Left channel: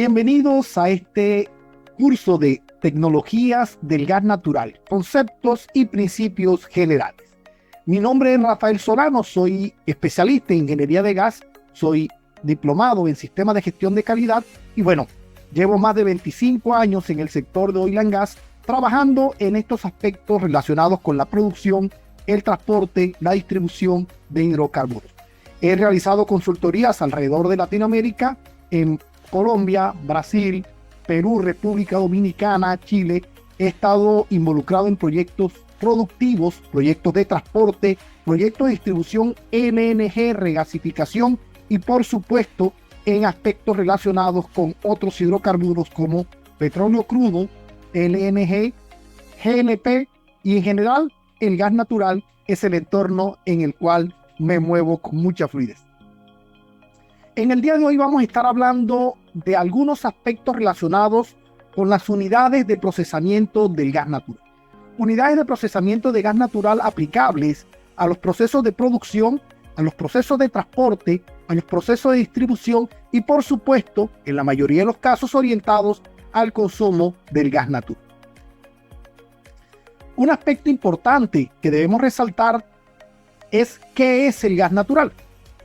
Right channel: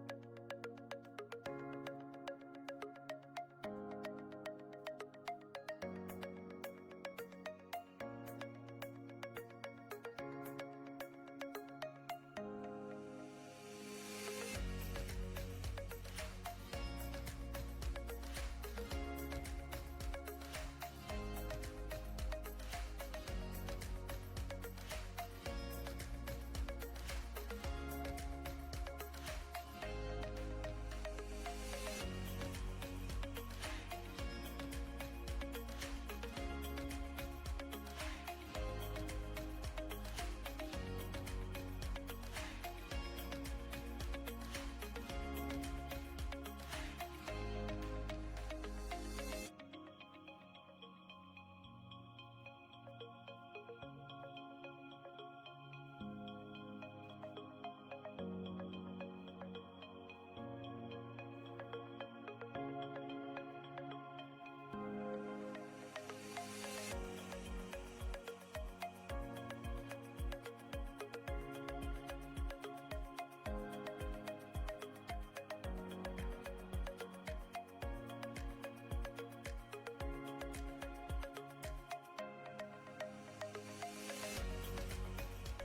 Bienvenidos a este curso de tecnologías del gas natural, conceptos y principios generales. Mi nombre es Rafael Solano, soy especialista en ingeniería de gas, soy diplomado en sistemas de gestión de calidad y llevo más de 25 años en el sector de oil and gas trabajando en estos aspectos relacionados con la producción, el transporte, la distribución de hidrocarburos. He realizado consultorías alrededor de Latinoamérica, en Colombia, Brasil, Perú, República Dominicana, Chile. He estado involucrado en proyectos productivos, proyectos de transporte, proyectos de distribución LNG, regasificación y por supuesto en aspectos relacionados con otros hidrocarburos como petróleo crudo, LNG, GLP y en general el gas natural es el entorno en el cual me muevo con mucha fluidez. En el día de hoy vamos a estar hablando de algunos aspectos relacionados con las unidades de procesamiento del gas natural. Unidades de procesamiento de gas natural aplicables a los procesos de producción, a los procesos de transporte, a los procesos de distribución y por supuesto, en la mayoría de los casos orientados al consumo del gas natural. Un aspecto importante que debemos resaltar es qué es el gas natural,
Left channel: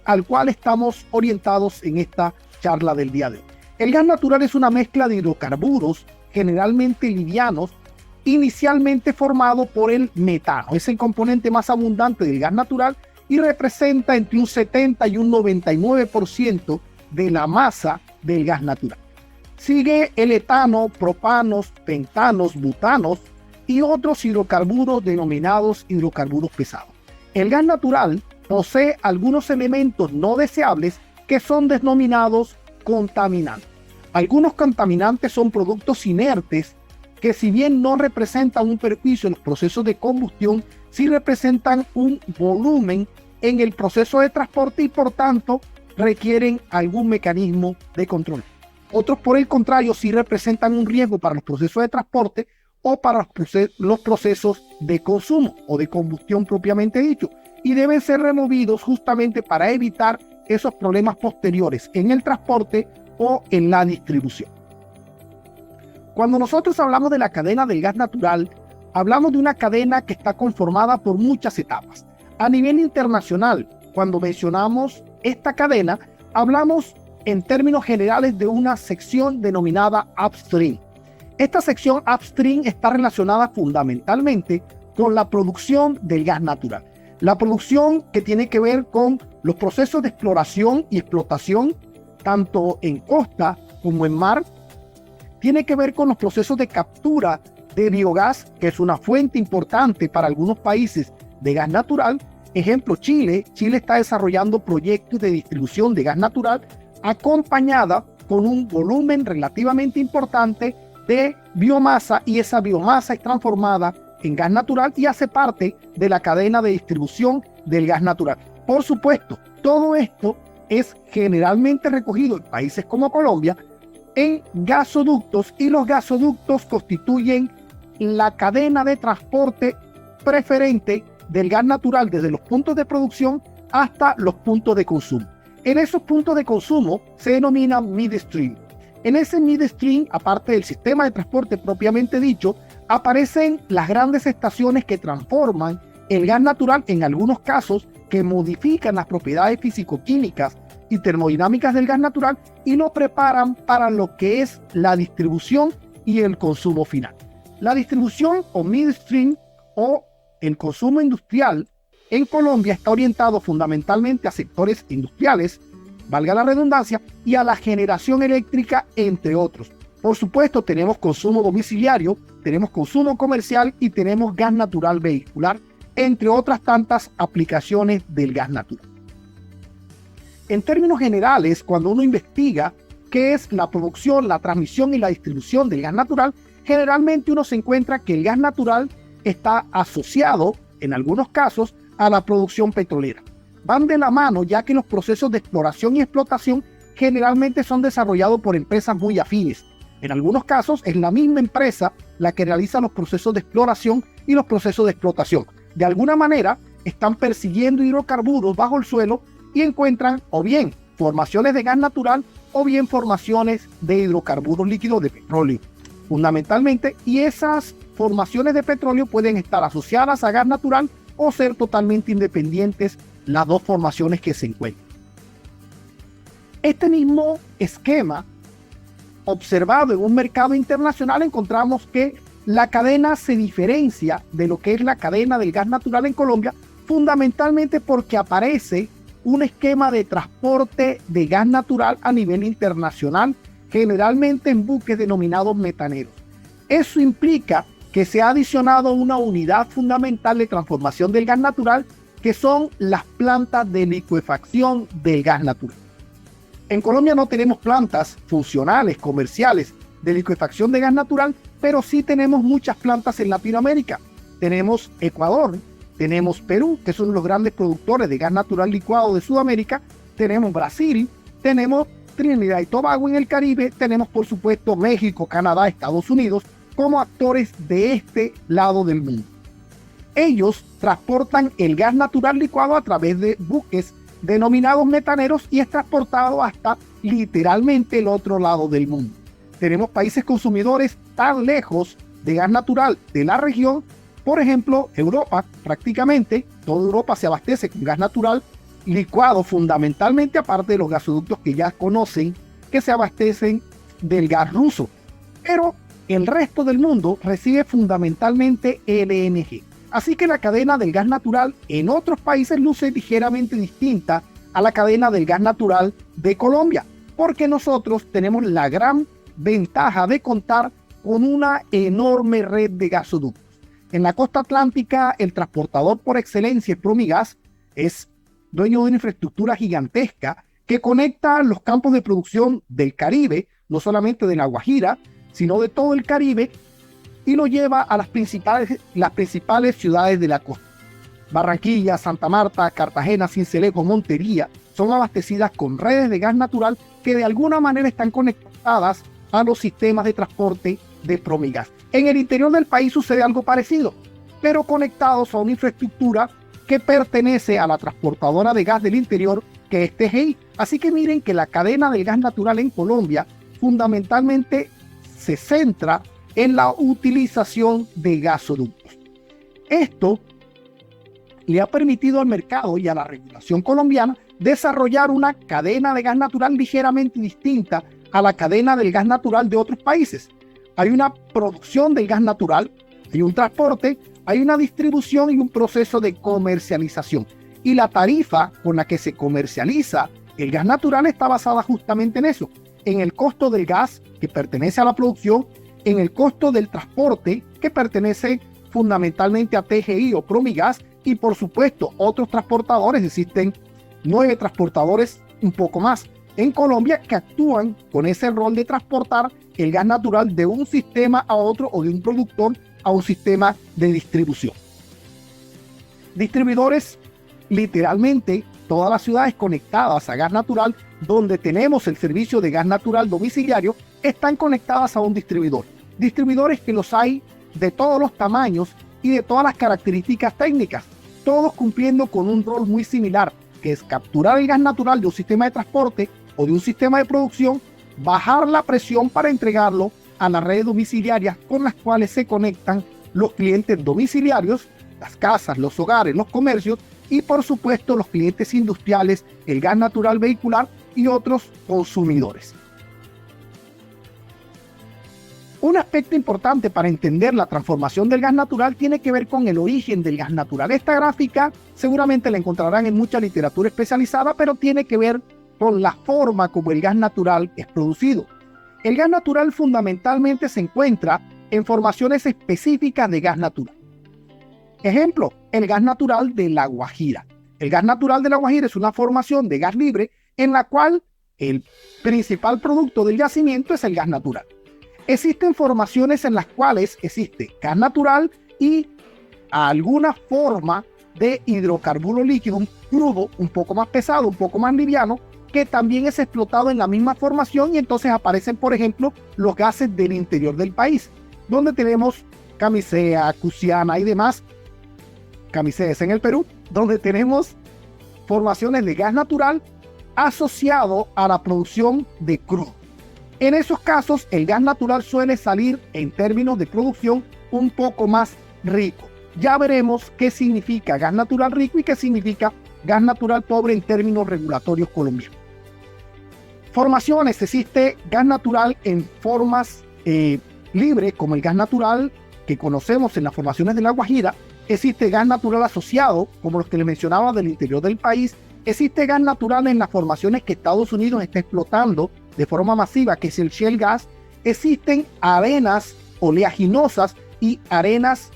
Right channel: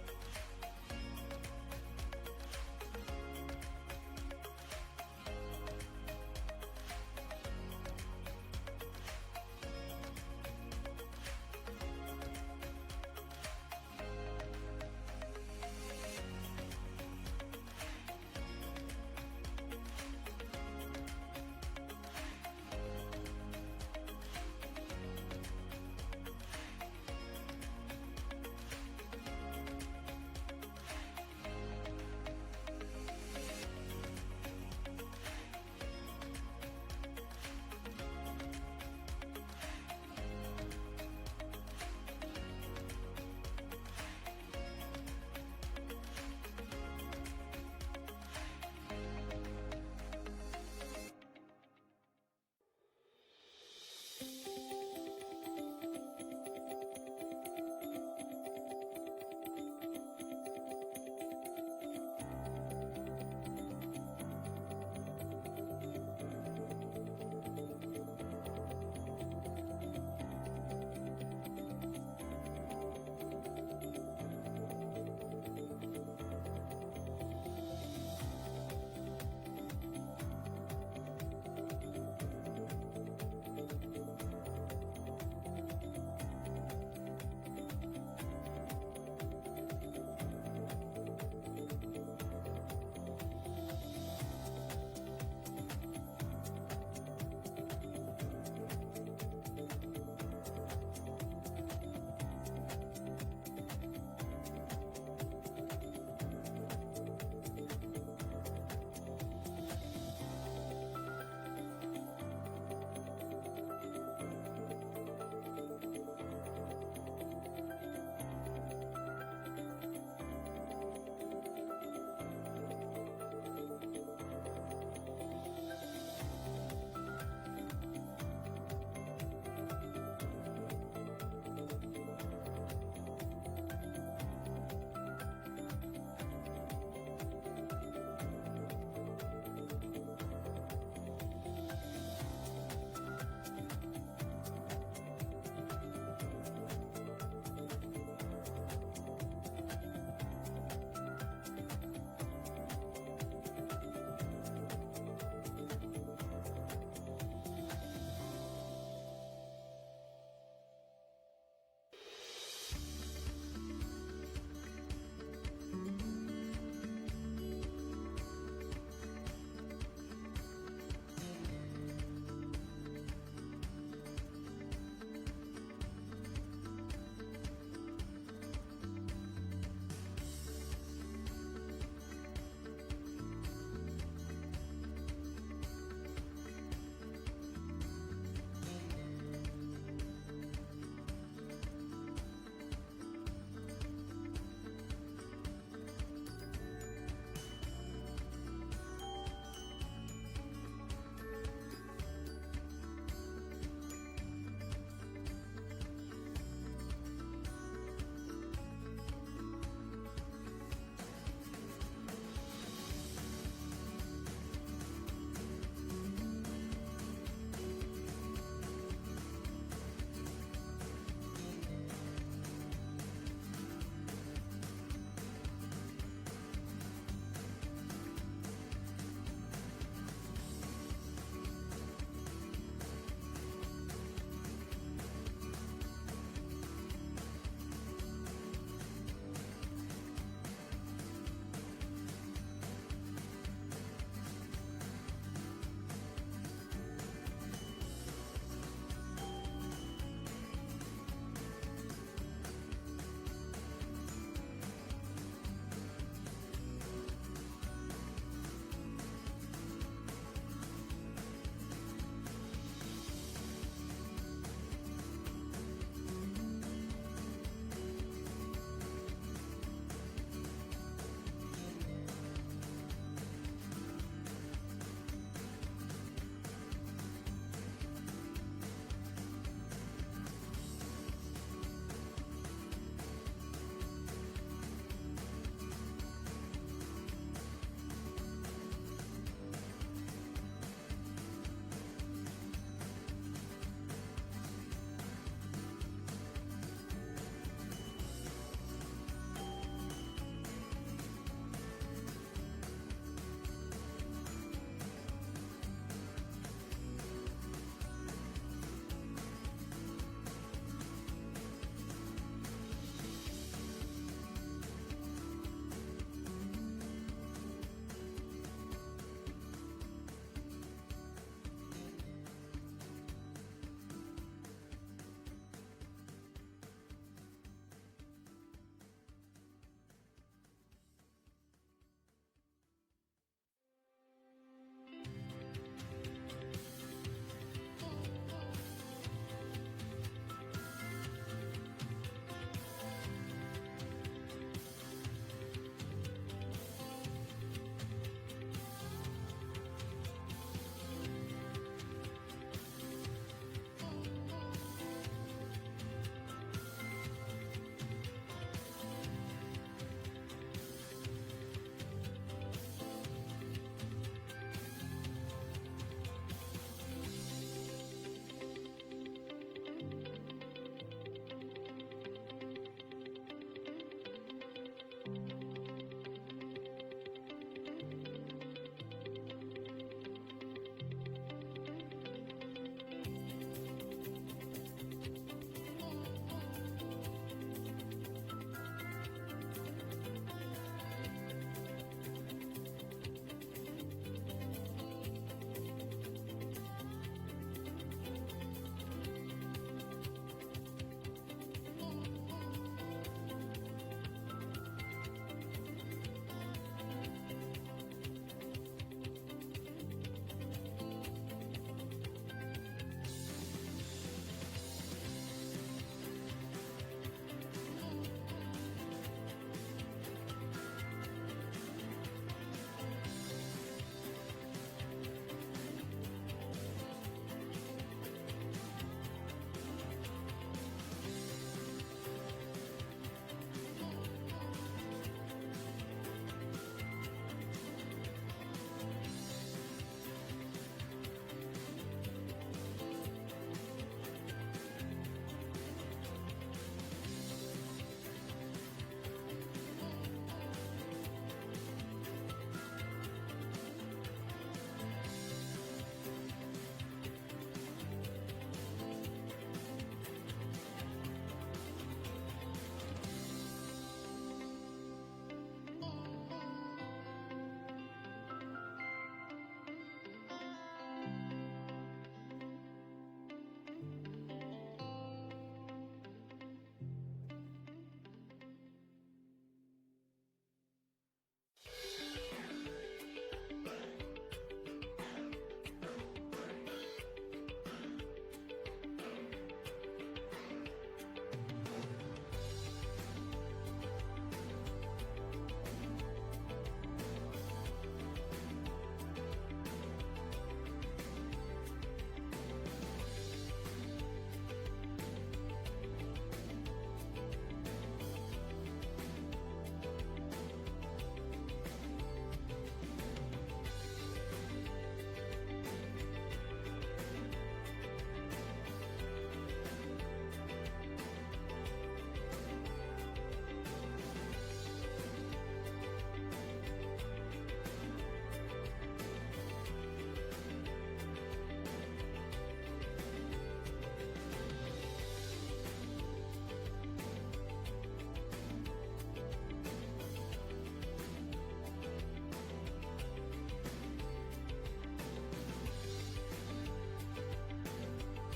al cual estamos orientados en esta charla del día de hoy. El gas natural es una mezcla de hidrocarburos, generalmente livianos, inicialmente formado por el metano. Es el componente más abundante del gas natural y representa entre un 70 y un 99% de la masa del gas natural. Sigue el etano, propanos, pentanos, butanos y otros hidrocarburos denominados hidrocarburos pesados. El gas natural posee algunos elementos no deseables que son denominados contaminantes. Algunos contaminantes son productos inertes que si bien no representan un perjuicio en los procesos de combustión, sí representan un volumen en el proceso de transporte y por tanto requieren algún mecanismo de control. Otros por el contrario sí representan un riesgo para los procesos de transporte o para los procesos de consumo o de combustión propiamente dicho, y deben ser removidos justamente para evitar esos problemas posteriores en el transporte o en la distribución. Cuando nosotros hablamos de la cadena del gas natural, hablamos de una cadena que está conformada por muchas etapas. A nivel internacional, cuando mencionamos esta cadena, hablamos en términos generales de una sección denominada upstream. Esta sección upstream está relacionada fundamentalmente con la producción del gas natural. La producción que tiene que ver con los procesos de exploración y explotación, tanto en costa como en mar. Tiene que ver con los procesos de captura de biogás, que es una fuente importante para algunos países de gas natural. Ejemplo, Chile. Chile está desarrollando proyectos de distribución de gas natural acompañada con un volumen relativamente importante de biomasa y esa biomasa es transformada en gas natural y hace parte de la cadena de distribución del gas natural. Por supuesto, todo esto es generalmente recogido en países como Colombia en gasoductos y los gasoductos constituyen la cadena de transporte preferente del gas natural desde los puntos de producción hasta los puntos de consumo. En esos puntos de consumo se denomina midstream. En ese midstream, aparte del sistema de transporte propiamente dicho, aparecen las grandes estaciones que transforman el gas natural, en algunos casos que modifican las propiedades físico-químicas y termodinámicas del gas natural y lo preparan para lo que es la distribución y el consumo final. La distribución o midstream o el consumo industrial en Colombia está orientado fundamentalmente a sectores industriales, valga la redundancia, y a la generación eléctrica, entre otros. Por supuesto, tenemos consumo domiciliario, tenemos consumo comercial y tenemos gas natural vehicular, entre otras tantas aplicaciones del gas natural. En términos generales, cuando uno investiga qué es la producción, la transmisión y la distribución del gas natural, generalmente uno se encuentra que el gas natural está asociado, en algunos casos, a la producción petrolera. Van de la mano, ya que los procesos de exploración y explotación generalmente son desarrollados por empresas muy afines. En algunos casos es la misma empresa la que realiza los procesos de exploración y los procesos de explotación. De alguna manera están persiguiendo hidrocarburos bajo el suelo y encuentran o bien formaciones de gas natural o bien formaciones de hidrocarburos líquidos de petróleo, fundamentalmente, y esas formaciones de petróleo pueden estar asociadas a gas natural o ser totalmente independientes las dos formaciones que se encuentran. Este mismo esquema observado en un mercado internacional, encontramos que la cadena se diferencia de lo que es la cadena del gas natural en Colombia, fundamentalmente porque aparece un esquema de transporte de gas natural a nivel internacional, generalmente en buques denominados metaneros. Eso implica que se ha adicionado una unidad fundamental de transformación del gas natural, que son las plantas de licuefacción del gas natural. En Colombia no tenemos plantas funcionales, comerciales, de licuefacción de gas natural, pero sí tenemos muchas plantas en Latinoamérica. Tenemos Ecuador, tenemos Perú, que son los grandes productores de gas natural licuado de Sudamérica, tenemos Brasil, tenemos Trinidad y Tobago en el Caribe, tenemos por supuesto México, Canadá, Estados Unidos, como actores de este lado del mundo. Ellos transportan el gas natural licuado a través de buques denominados metaneros y es transportado hasta literalmente el otro lado del mundo. Tenemos países consumidores tan lejos de gas natural de la región, por ejemplo, Europa, prácticamente toda Europa se abastece con gas natural licuado fundamentalmente, aparte de los gasoductos que ya conocen que se abastecen del gas ruso. Pero el resto del mundo recibe fundamentalmente LNG. Así que la cadena del gas natural en otros países luce ligeramente distinta a la cadena del gas natural de Colombia, porque nosotros tenemos la gran ventaja de contar con una enorme red de gasoductos. En la costa atlántica, el transportador por excelencia, Promigas, es dueño de una infraestructura gigantesca que conecta los campos de producción del Caribe, no solamente de La Guajira, sino de todo el Caribe, y lo lleva a las principales ciudades de la costa. Barranquilla, Santa Marta, Cartagena, Sincelejo, Montería son abastecidas con redes de gas natural que de alguna manera están conectadas a los sistemas de transporte de Promigas. En el interior del país sucede algo parecido, pero conectados a una infraestructura que pertenece a la transportadora de gas del interior, que es TGI. Así que miren que la cadena del gas natural en Colombia fundamentalmente se centra en la utilización de gasoductos. Esto le ha permitido al mercado y a la regulación colombiana desarrollar una cadena de gas natural ligeramente distinta a la cadena del gas natural de otros países. Hay una producción del gas natural, hay un transporte, hay una distribución y un proceso de comercialización. Y la tarifa con la que se comercializa el gas natural está basada justamente en eso, en el costo del gas que pertenece a la producción, en el costo del transporte que pertenece fundamentalmente a TGI o Promigas, y por supuesto otros transportadores. Existen 9 transportadores, un poco más, en Colombia, que actúan con ese rol de transportar el gas natural de un sistema a otro o de un productor a un sistema de distribución. Distribuidores, literalmente todas las ciudades conectadas a gas natural, donde tenemos el servicio de gas natural domiciliario, están conectadas a un distribuidor. Distribuidores que los hay de todos los tamaños y de todas las características técnicas, todos cumpliendo con un rol muy similar, que es capturar el gas natural de un sistema de transporte o de un sistema de producción, bajar la presión para entregarlo a las redes domiciliarias con las cuales se conectan los clientes domiciliarios, las casas, los hogares, los comercios y por supuesto los clientes industriales, el gas natural vehicular y otros consumidores. Un aspecto importante para entender la transformación del gas natural tiene que ver con el origen del gas natural. Esta gráfica seguramente la encontrarán en mucha literatura especializada, pero tiene que ver con la forma como el gas natural es producido. El gas natural fundamentalmente se encuentra en formaciones específicas de gas natural. Ejemplo, el gas natural de La Guajira. El gas natural de La Guajira es una formación de gas libre en la cual el principal producto del yacimiento es el gas natural. Existen formaciones en las cuales existe gas natural y alguna forma de hidrocarburo líquido, un crudo un poco más pesado, un poco más liviano, que también es explotado en la misma formación, y entonces aparecen, por ejemplo, los gases del interior del país, donde tenemos Camisea, Cusiana y demás. Camisea es en el Perú, donde tenemos formaciones de gas natural asociado a la producción de crudo. En esos casos, el gas natural suele salir en términos de producción un poco más rico. Ya veremos qué significa gas natural rico y qué significa gas natural pobre en términos regulatorios colombianos. Formaciones: existe gas natural en formas libres, como el gas natural que conocemos en las formaciones de La Guajira. Existe gas natural asociado, como los que les mencionaba, del interior del país. Existe gas natural en las formaciones que Estados Unidos está explotando de forma masiva, que es el shale gas. Existen arenas oleaginosas y arenas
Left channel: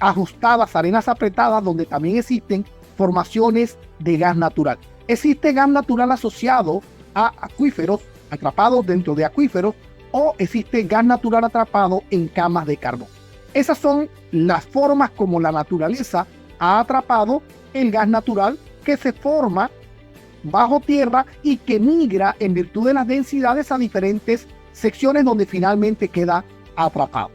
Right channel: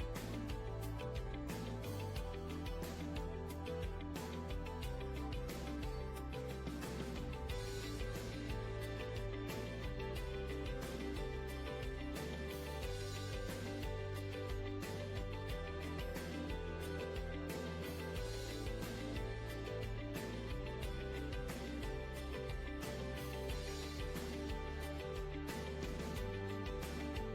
ajustadas, arenas apretadas, donde también existen formaciones de gas natural. Existe gas natural asociado a acuíferos, atrapados dentro de acuíferos, o existe gas natural atrapado en camas de carbón. Esas son las formas como la naturaleza ha atrapado el gas natural, que se forma bajo tierra y que migra en virtud de las densidades a diferentes secciones donde finalmente queda atrapado.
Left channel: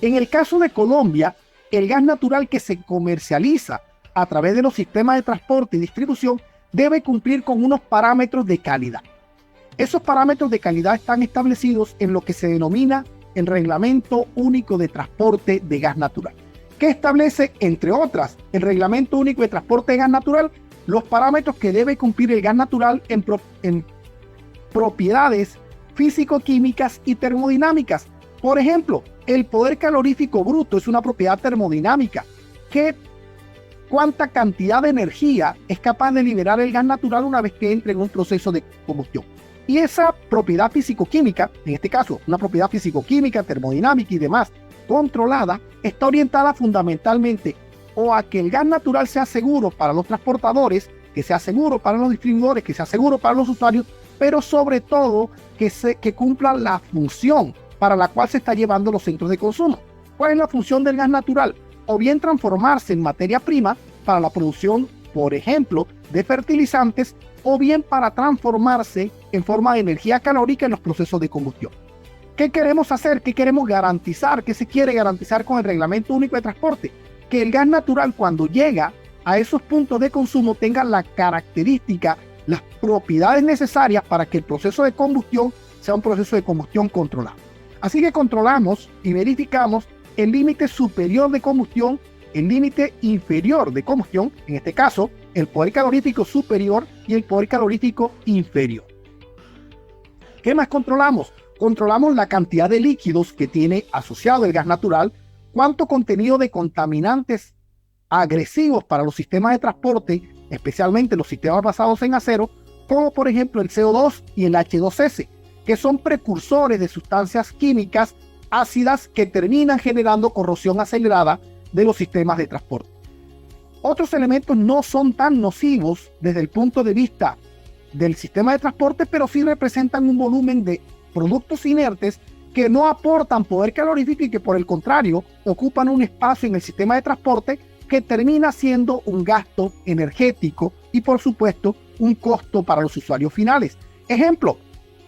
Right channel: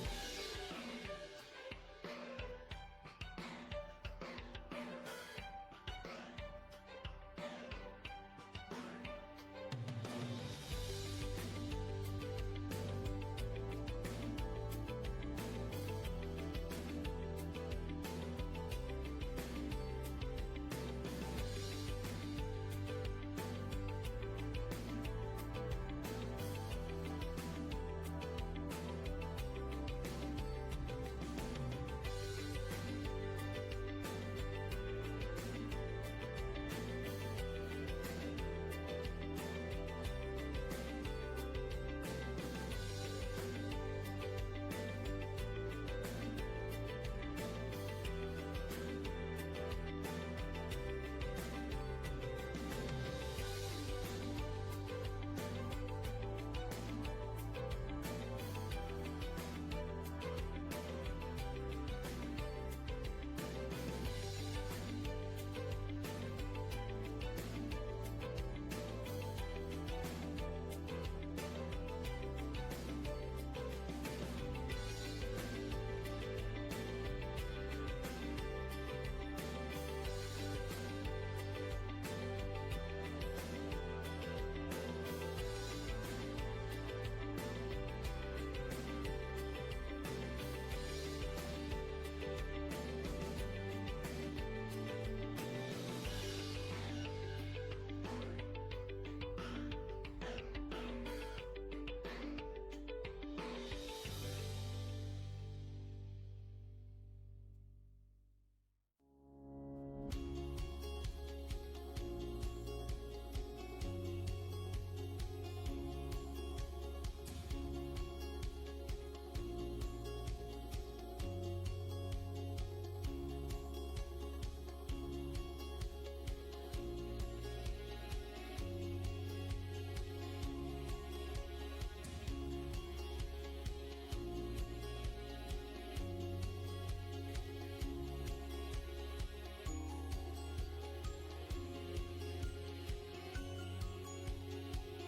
En el caso de Colombia, el gas natural que se comercializa a través de los sistemas de transporte y distribución debe cumplir con unos parámetros de calidad. Esos parámetros de calidad están establecidos en lo que se denomina el Reglamento Único de Transporte de Gas Natural, que establece, entre otras, el Reglamento Único de Transporte de Gas Natural, los parámetros que debe cumplir el gas natural en propiedades físico-químicas y termodinámicas. Por ejemplo, el poder calorífico bruto es una propiedad termodinámica. ¿Cuánta cantidad de energía es capaz de liberar el gas natural una vez que entre en un proceso de combustión? Y esa propiedad físico-química, en este caso una propiedad físico-química, termodinámica y demás, controlada, está orientada fundamentalmente o a que el gas natural sea seguro para los transportadores, que sea seguro para los distribuidores, que sea seguro para los usuarios, pero sobre todo que cumpla la función para la cual se está llevando los centros de consumo. ¿Cuál es la función del gas natural? O bien transformarse en materia prima para la producción, por ejemplo, de fertilizantes, o bien para transformarse en forma de energía calórica en los procesos de combustión. ¿Qué queremos hacer? ¿Qué queremos garantizar? ¿Qué se quiere garantizar con el Reglamento Único de Transporte? Que el gas natural, cuando llega a esos puntos de consumo, tenga la característica, las propiedades necesarias para que el proceso de combustión sea un proceso de combustión controlado. Así que controlamos y verificamos el límite superior de combustión, el límite inferior de combustión, en este caso, el poder calorífico superior y el poder calorífico inferior. ¿Qué más controlamos? Controlamos la cantidad de líquidos que tiene asociado el gas natural, cuánto contenido de contaminantes agresivos para los sistemas de transporte, especialmente los sistemas basados en acero, como por ejemplo el CO2 y el H2S, que son precursores de sustancias químicas ácidas que terminan generando corrosión acelerada de los sistemas de transporte. Otros elementos no son tan nocivos desde el punto de vista del sistema de transporte, pero sí representan un volumen de productos inertes que no aportan poder calorífico y que por el contrario ocupan un espacio en el sistema de transporte que termina siendo un gasto energético y por supuesto un costo para los usuarios finales. Ejemplo,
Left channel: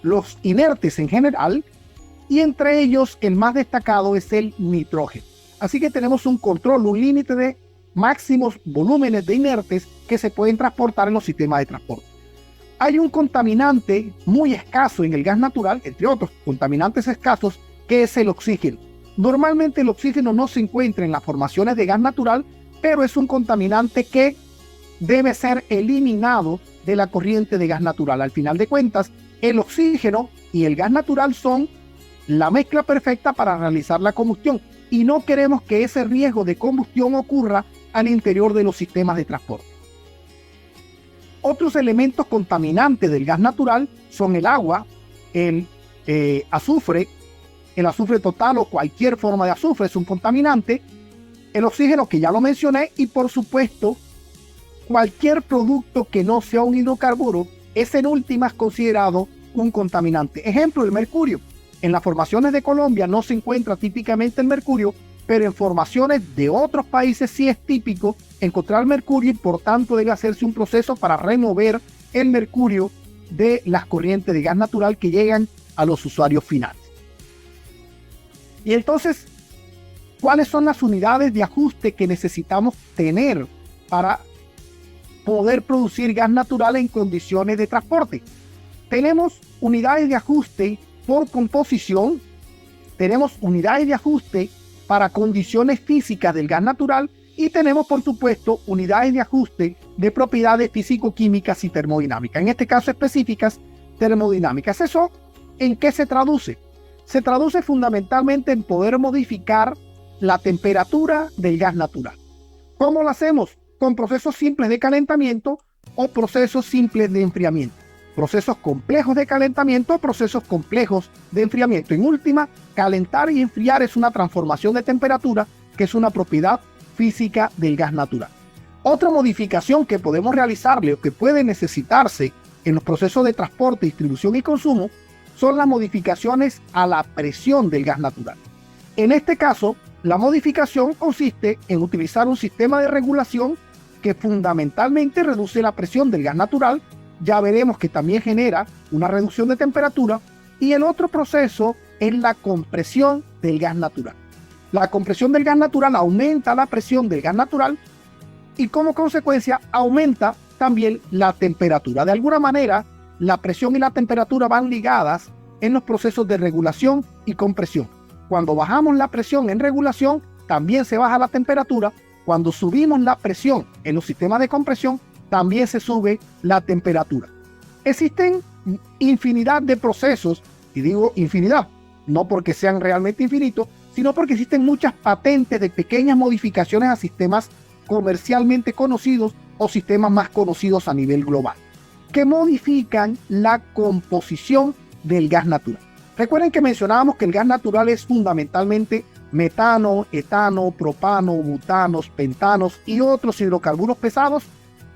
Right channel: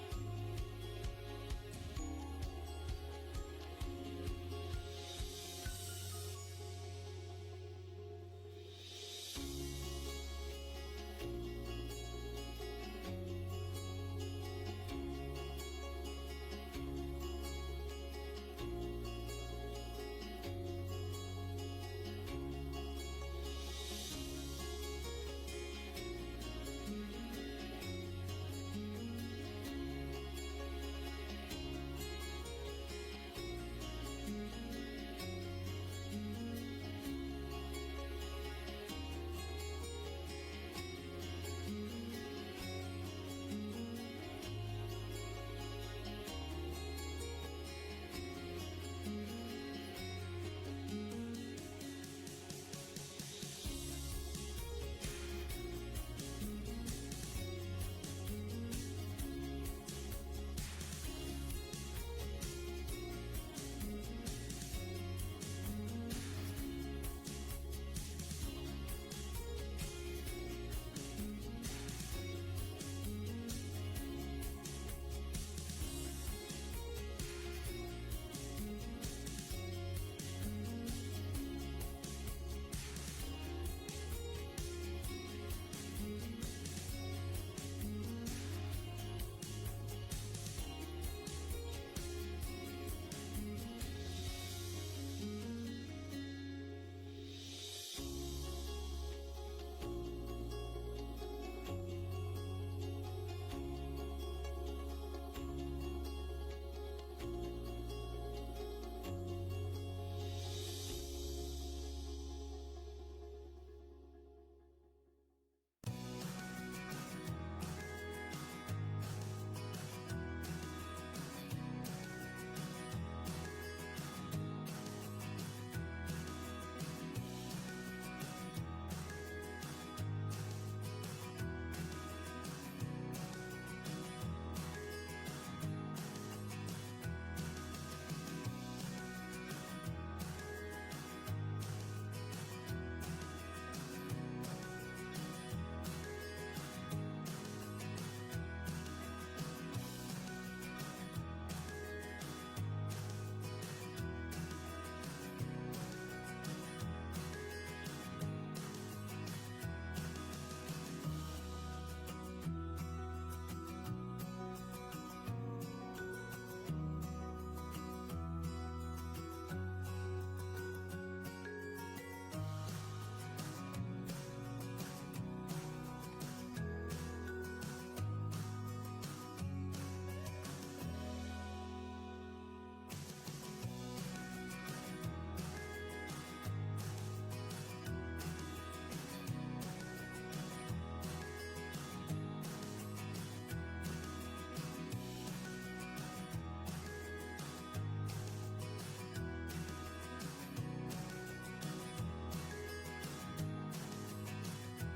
los inertes en general, y entre ellos el más destacado es el nitrógeno. Así que tenemos un control, un límite de máximos volúmenes de inertes que se pueden transportar en los sistemas de transporte. Hay un contaminante muy escaso en el gas natural, entre otros contaminantes escasos, que es el oxígeno. Normalmente el oxígeno no se encuentra en las formaciones de gas natural, pero es un contaminante que debe ser eliminado de la corriente de gas natural. Al final de cuentas, el oxígeno y el gas natural son la mezcla perfecta para realizar la combustión y no queremos que ese riesgo de combustión ocurra al interior de los sistemas de transporte. Otros elementos contaminantes del gas natural son el agua, el azufre total o cualquier forma de azufre es un contaminante, el oxígeno que ya lo mencioné y por supuesto cualquier producto que no sea un hidrocarburo es en últimas considerado un contaminante. Ejemplo, el mercurio. En las formaciones de Colombia no se encuentra típicamente el mercurio, pero en formaciones de otros países sí es típico encontrar mercurio y por tanto debe hacerse un proceso para remover el mercurio de las corrientes de gas natural que llegan a los usuarios finales. Y entonces, ¿cuáles son las unidades de ajuste que necesitamos tener para poder producir gas natural en condiciones de transporte. Tenemos unidades de ajuste por composición, tenemos unidades de ajuste para condiciones físicas del gas natural y tenemos, por supuesto, unidades de ajuste de propiedades físico-químicas y termodinámicas, en este caso específicas termodinámicas. ¿Eso en qué se traduce? Se traduce fundamentalmente en poder modificar la temperatura del gas natural. ¿Cómo lo hacemos? Con procesos simples de calentamiento o procesos simples de enfriamiento. Procesos complejos de calentamiento o procesos complejos de enfriamiento. En última, calentar y enfriar es una transformación de temperatura que es una propiedad física del gas natural. Otra modificación que podemos realizarle o que puede necesitarse en los procesos de transporte, distribución y consumo son las modificaciones a la presión del gas natural. En este caso, la modificación consiste en utilizar un sistema de regulación que fundamentalmente reduce la presión del gas natural. Ya veremos que también genera una reducción de temperatura. Y el otro proceso es la compresión del gas natural. La compresión del gas natural aumenta la presión del gas natural y como consecuencia aumenta también la temperatura. De alguna manera, la presión y la temperatura van ligadas en los procesos de regulación y compresión. Cuando bajamos la presión en regulación, también se baja la temperatura. Cuando subimos la presión en los sistemas de compresión, también se sube la temperatura. Existen infinidad de procesos, y digo infinidad, no porque sean realmente infinitos, sino porque existen muchas patentes de pequeñas modificaciones a sistemas comercialmente conocidos o sistemas más conocidos a nivel global, que modifican la composición del gas natural. Recuerden que mencionábamos que el gas natural es fundamentalmente metano, etano, propano, butanos, pentanos y otros hidrocarburos pesados.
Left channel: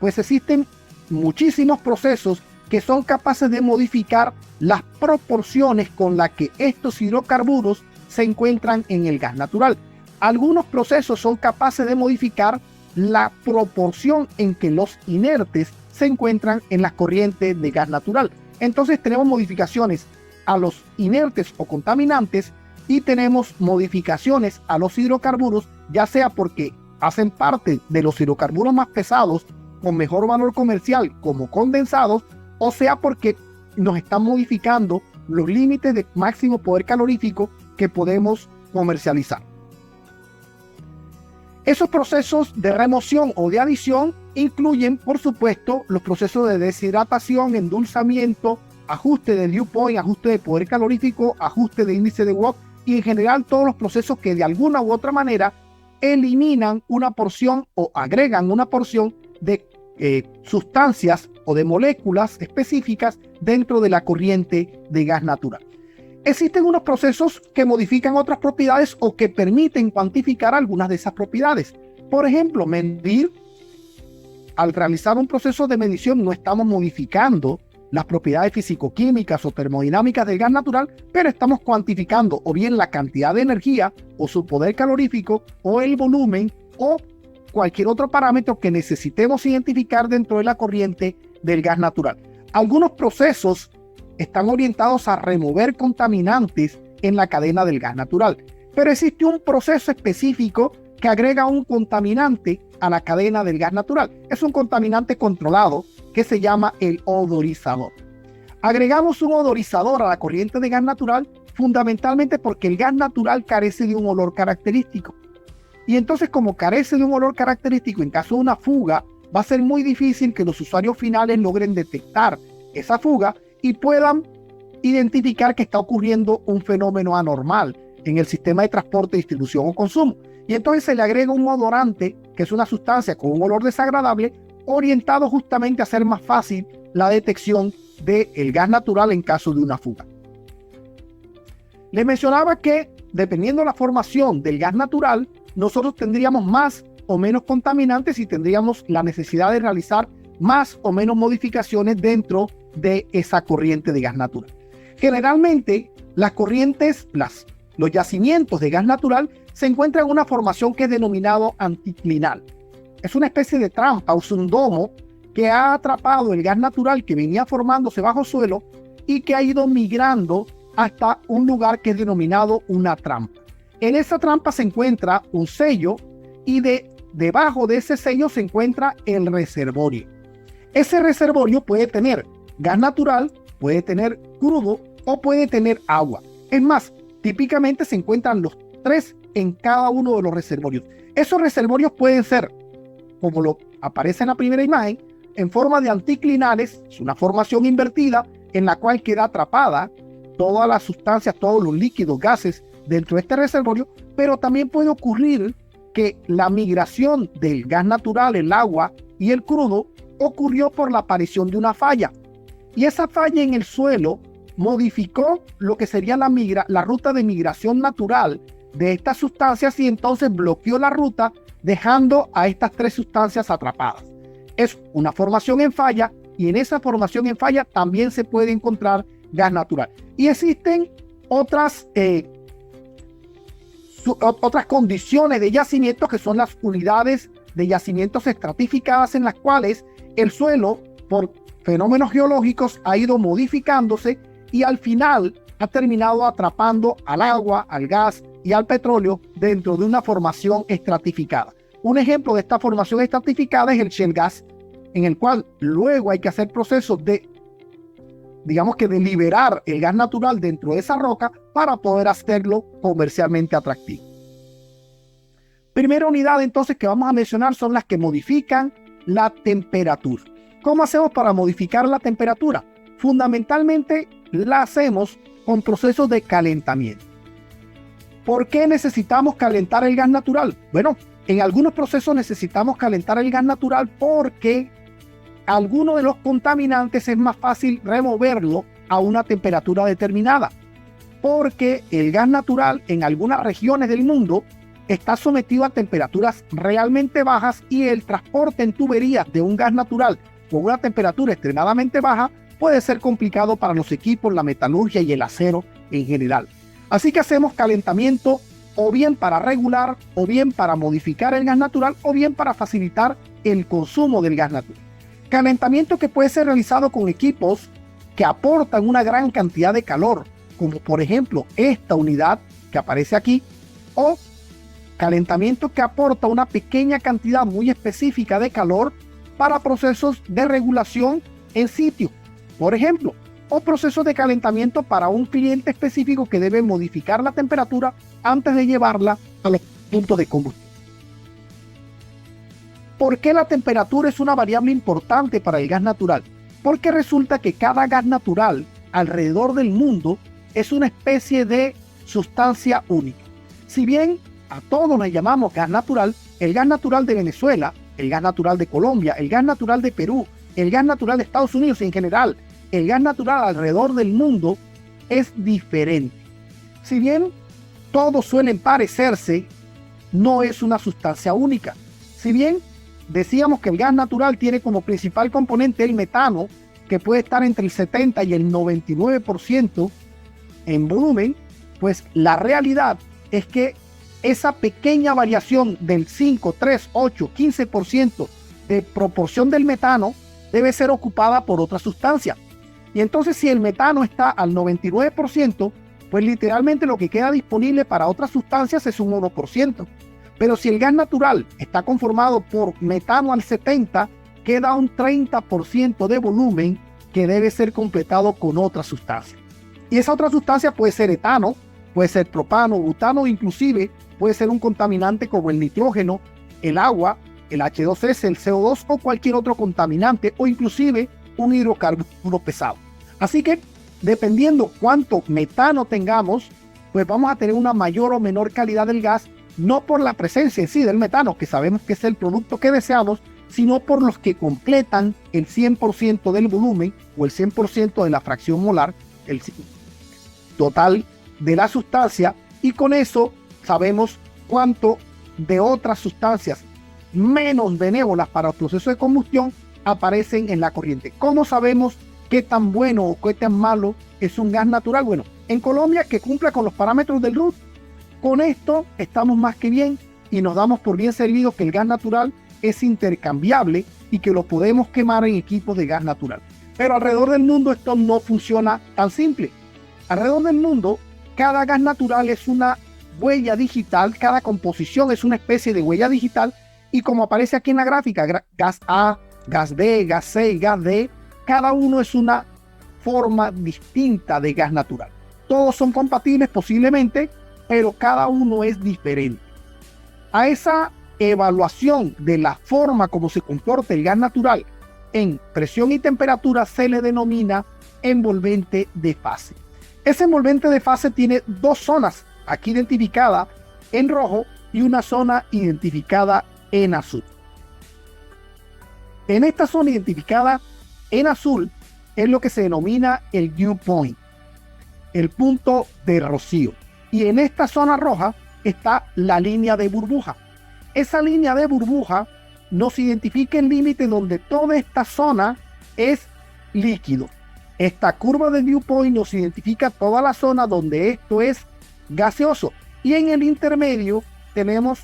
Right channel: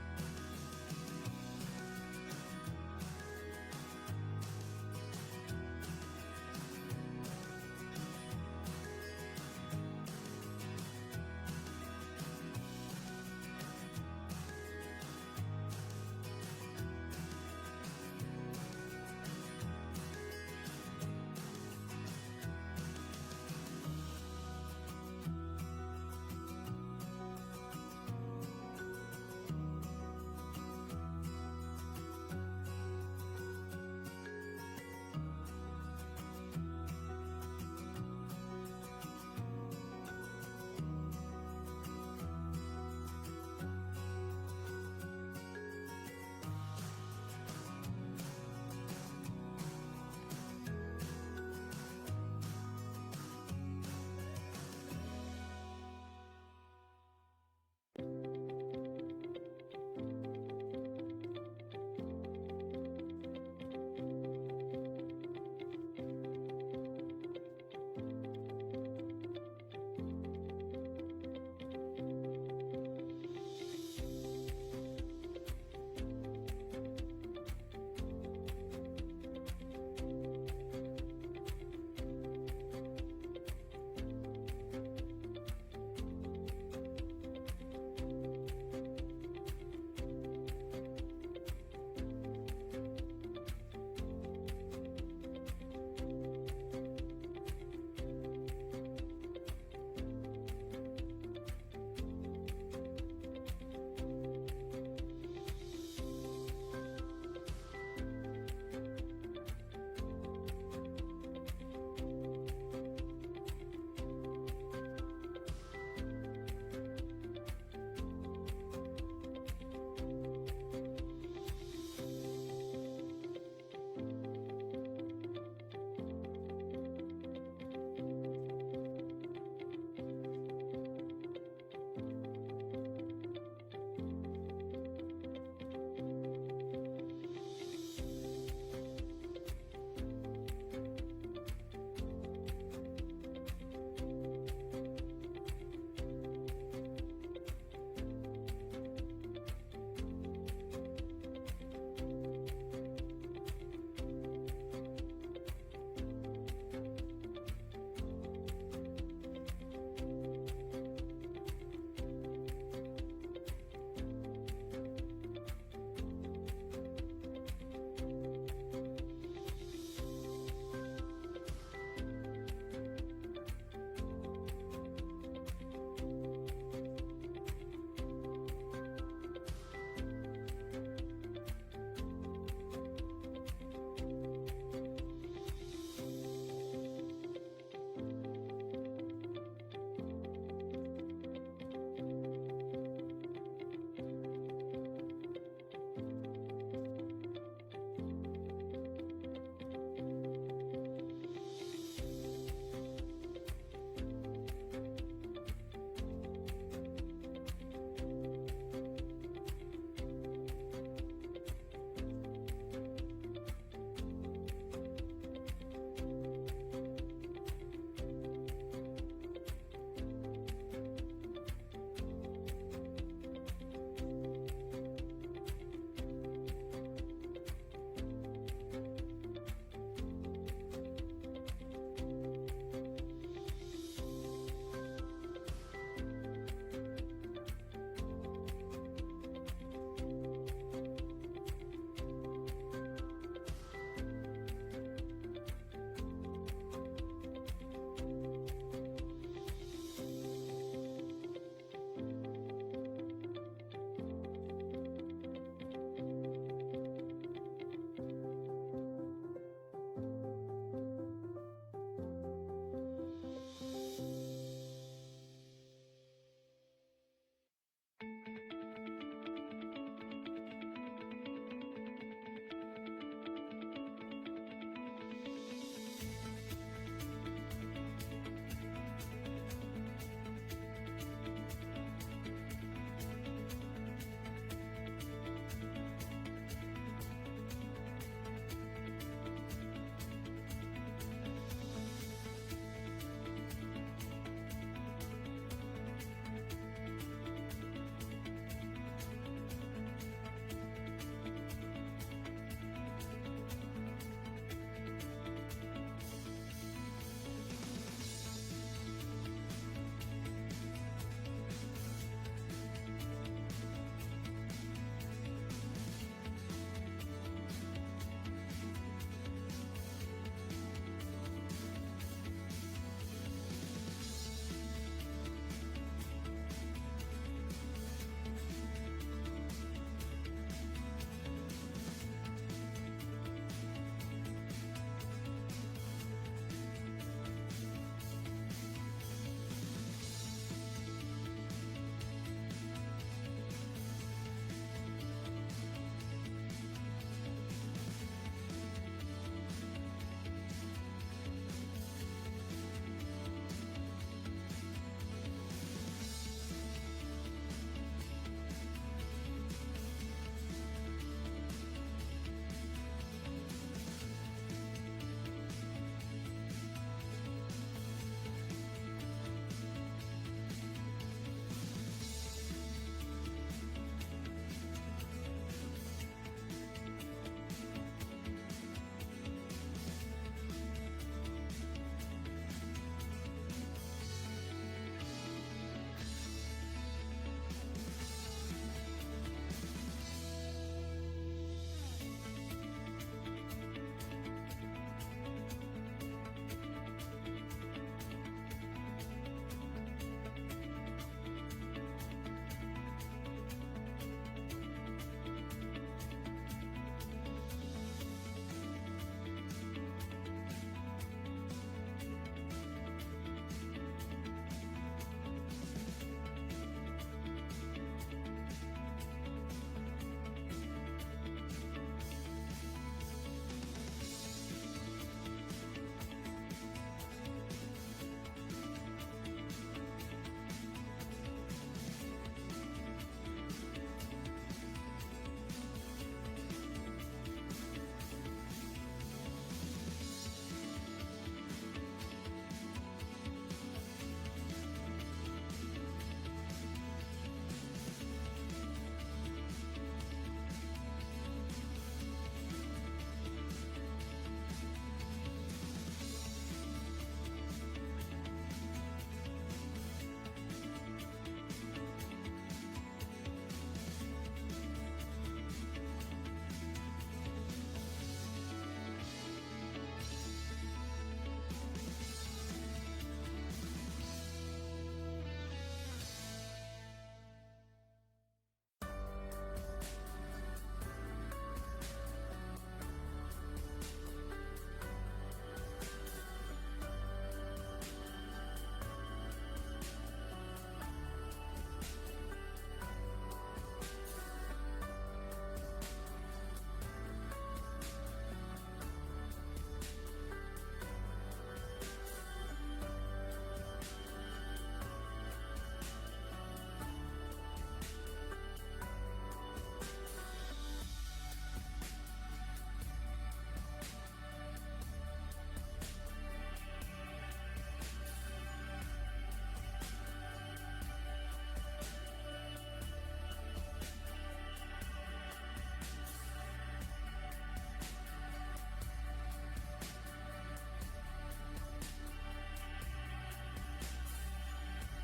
Pues existen muchísimos procesos que son capaces de modificar las proporciones con las que estos hidrocarburos se encuentran en el gas natural. Algunos procesos son capaces de modificar la proporción en que los inertes se encuentran en las corrientes de gas natural. Entonces tenemos modificaciones a los inertes o contaminantes y tenemos modificaciones a los hidrocarburos, ya sea porque hacen parte de los hidrocarburos más pesados con mejor valor comercial como condensados, o sea porque nos están modificando los límites de máximo poder calorífico que podemos comercializar. Esos procesos de remoción o de adición incluyen, por supuesto, los procesos de deshidratación, endulzamiento, ajuste de dew point, ajuste de poder calorífico, ajuste de índice de Watt y en general todos los procesos que de alguna u otra manera eliminan una porción o agregan una porción de sustancias o de moléculas específicas dentro de la corriente de gas natural. Existen unos procesos que modifican otras propiedades o que permiten cuantificar algunas de esas propiedades. Por ejemplo, medir. Al realizar un proceso de medición no estamos modificando las propiedades físico-químicas o termodinámicas del gas natural, pero estamos cuantificando o bien la cantidad de energía o su poder calorífico o el volumen o cualquier otro parámetro que necesitemos identificar dentro de la corriente del gas natural. Algunos procesos están orientados a remover contaminantes en la cadena del gas natural, pero existe un proceso específico que agrega un contaminante a la cadena del gas natural. Es un contaminante controlado que se llama el odorizador. Agregamos un odorizador a la corriente de gas natural fundamentalmente porque el gas natural carece de un olor característico. Y entonces, como carece de un olor característico, en caso de una fuga, va a ser muy difícil que los usuarios finales logren detectar esa fuga y puedan identificar que está ocurriendo un fenómeno anormal en el sistema de transporte, distribución o consumo. Y entonces se le agrega un odorante, que es una sustancia con un olor desagradable, orientado justamente a hacer más fácil la detección del gas natural en caso de una fuga. Les mencionaba que, dependiendo de la formación del gas natural, nosotros tendríamos más o menos contaminantes y tendríamos la necesidad de realizar más o menos modificaciones dentro de esa corriente de gas natural. Generalmente, las corrientes, los yacimientos de gas natural se encuentran en una formación que es denominado anticlinal. Es una especie de trampa, o un domo que ha atrapado el gas natural que venía formándose bajo suelo y que ha ido migrando hasta un lugar que es denominado una trampa. En esa trampa se encuentra un sello y debajo de ese sello se encuentra el reservorio. Ese reservorio puede tener gas natural, puede tener crudo o puede tener agua. Es más, típicamente se encuentran los tres en cada uno de los reservorios. Esos reservorios pueden ser, como lo aparece en la primera imagen, en forma de anticlinales, es una formación invertida en la cual queda atrapada todas las sustancias, todos los líquidos, gases dentro de este reservorio, pero también puede ocurrir que la migración del gas natural, el agua y el crudo ocurrió por la aparición de una falla. Y esa falla en el suelo modificó lo que sería la ruta de migración natural de estas sustancias y entonces bloqueó la ruta, dejando a estas tres sustancias atrapadas. Es una formación en falla y en esa formación en falla también se puede encontrar gas natural. Y existen otras condiciones de yacimientos que son las unidades de yacimientos estratificadas en las cuales el suelo por fenómenos geológicos ha ido modificándose y al final ha terminado atrapando al agua, al gas y al petróleo dentro de una formación estratificada. Un ejemplo de esta formación estratificada es el shale gas, en el cual luego hay que hacer procesos de, digamos que de liberar el gas natural dentro de esa roca para poder hacerlo comercialmente atractivo. Primera unidad entonces que vamos a mencionar son las que modifican la temperatura. ¿Cómo hacemos para modificar la temperatura? Fundamentalmente la hacemos con procesos de calentamiento. ¿Por qué necesitamos calentar el gas natural? Bueno, en algunos procesos necesitamos calentar el gas natural porque alguno de los contaminantes es más fácil removerlo a una temperatura determinada. Porque el gas natural en algunas regiones del mundo está sometido a temperaturas realmente bajas y el transporte en tuberías de un gas natural con una temperatura extremadamente baja puede ser complicado para los equipos, la metalurgia y el acero en general. Así que hacemos calentamiento o bien para regular, o bien para modificar el gas natural, o bien para facilitar el consumo del gas natural. Calentamiento que puede ser realizado con equipos que aportan una gran cantidad de calor, como por ejemplo esta unidad que aparece aquí, o calentamiento que aporta una pequeña cantidad muy específica de calor para procesos de regulación en sitio, por ejemplo, o procesos de calentamiento para un cliente específico que debe modificar la temperatura antes de llevarla a los puntos de combustión. ¿Por qué la temperatura es una variable importante para el gas natural? Porque resulta que cada gas natural alrededor del mundo es una especie de sustancia única. Si bien a todos le llamamos gas natural, el gas natural de Venezuela, el gas natural de Colombia, el gas natural de Perú, el gas natural de Estados Unidos y en general, el gas natural alrededor del mundo es diferente. Si bien todos suelen parecerse, no es una sustancia única. Si bien decíamos que el gas natural tiene como principal componente el metano, que puede estar entre el 70 y el 99% en volumen, pues la realidad es que esa pequeña variación del 5, 3, 8, 15% de proporción del metano debe ser ocupada por otra sustancia. Y entonces si el metano está al 99%, pues literalmente lo que queda disponible para otras sustancias es un 1%. Pero si el gas natural está conformado por metano al 70%, queda un 30% de volumen que debe ser completado con otra sustancia. Y esa otra sustancia puede ser etano, puede ser propano, butano, inclusive puede ser un contaminante como el nitrógeno, el agua, el H2S, el CO2 o cualquier otro contaminante o inclusive un hidrocarburo pesado. Así que dependiendo cuánto metano tengamos, pues vamos a tener una mayor o menor calidad del gas, no por la presencia en sí del metano, que sabemos que es el producto que deseamos, sino por los que completan el 100% del volumen o el 100% de la fracción molar, el total de la sustancia, y con eso sabemos cuánto de otras sustancias menos benévolas para el proceso de combustión aparecen en la corriente. ¿Cómo sabemos qué tan bueno o qué tan malo es un gas natural? Bueno, en Colombia, que cumpla con los parámetros del RUT, con esto estamos más que bien y nos damos por bien servidos que el gas natural es intercambiable y que lo podemos quemar en equipos de gas natural. Pero alrededor del mundo esto no funciona tan simple. Alrededor del mundo, cada gas natural es una huella digital, cada composición es una especie de huella digital, y como aparece aquí en la gráfica, gas A, gas B, gas C y gas D, cada uno es una forma distinta de gas natural. Todos son compatibles posiblemente, pero cada uno es diferente. A esa evaluación de la forma como se comporta el gas natural en presión y temperatura se le denomina envolvente de fase. Ese envolvente de fase tiene dos zonas aquí identificadas en rojo y una zona identificada en azul. En esta zona identificada en azul es lo que se denomina el dew point, el punto de rocío. Y en esta zona roja está la línea de burbuja. Esa línea de burbuja nos identifica el límite donde toda esta zona es líquido. Esta curva de dew point nos identifica toda la zona donde esto es gaseoso. Y en el intermedio tenemos,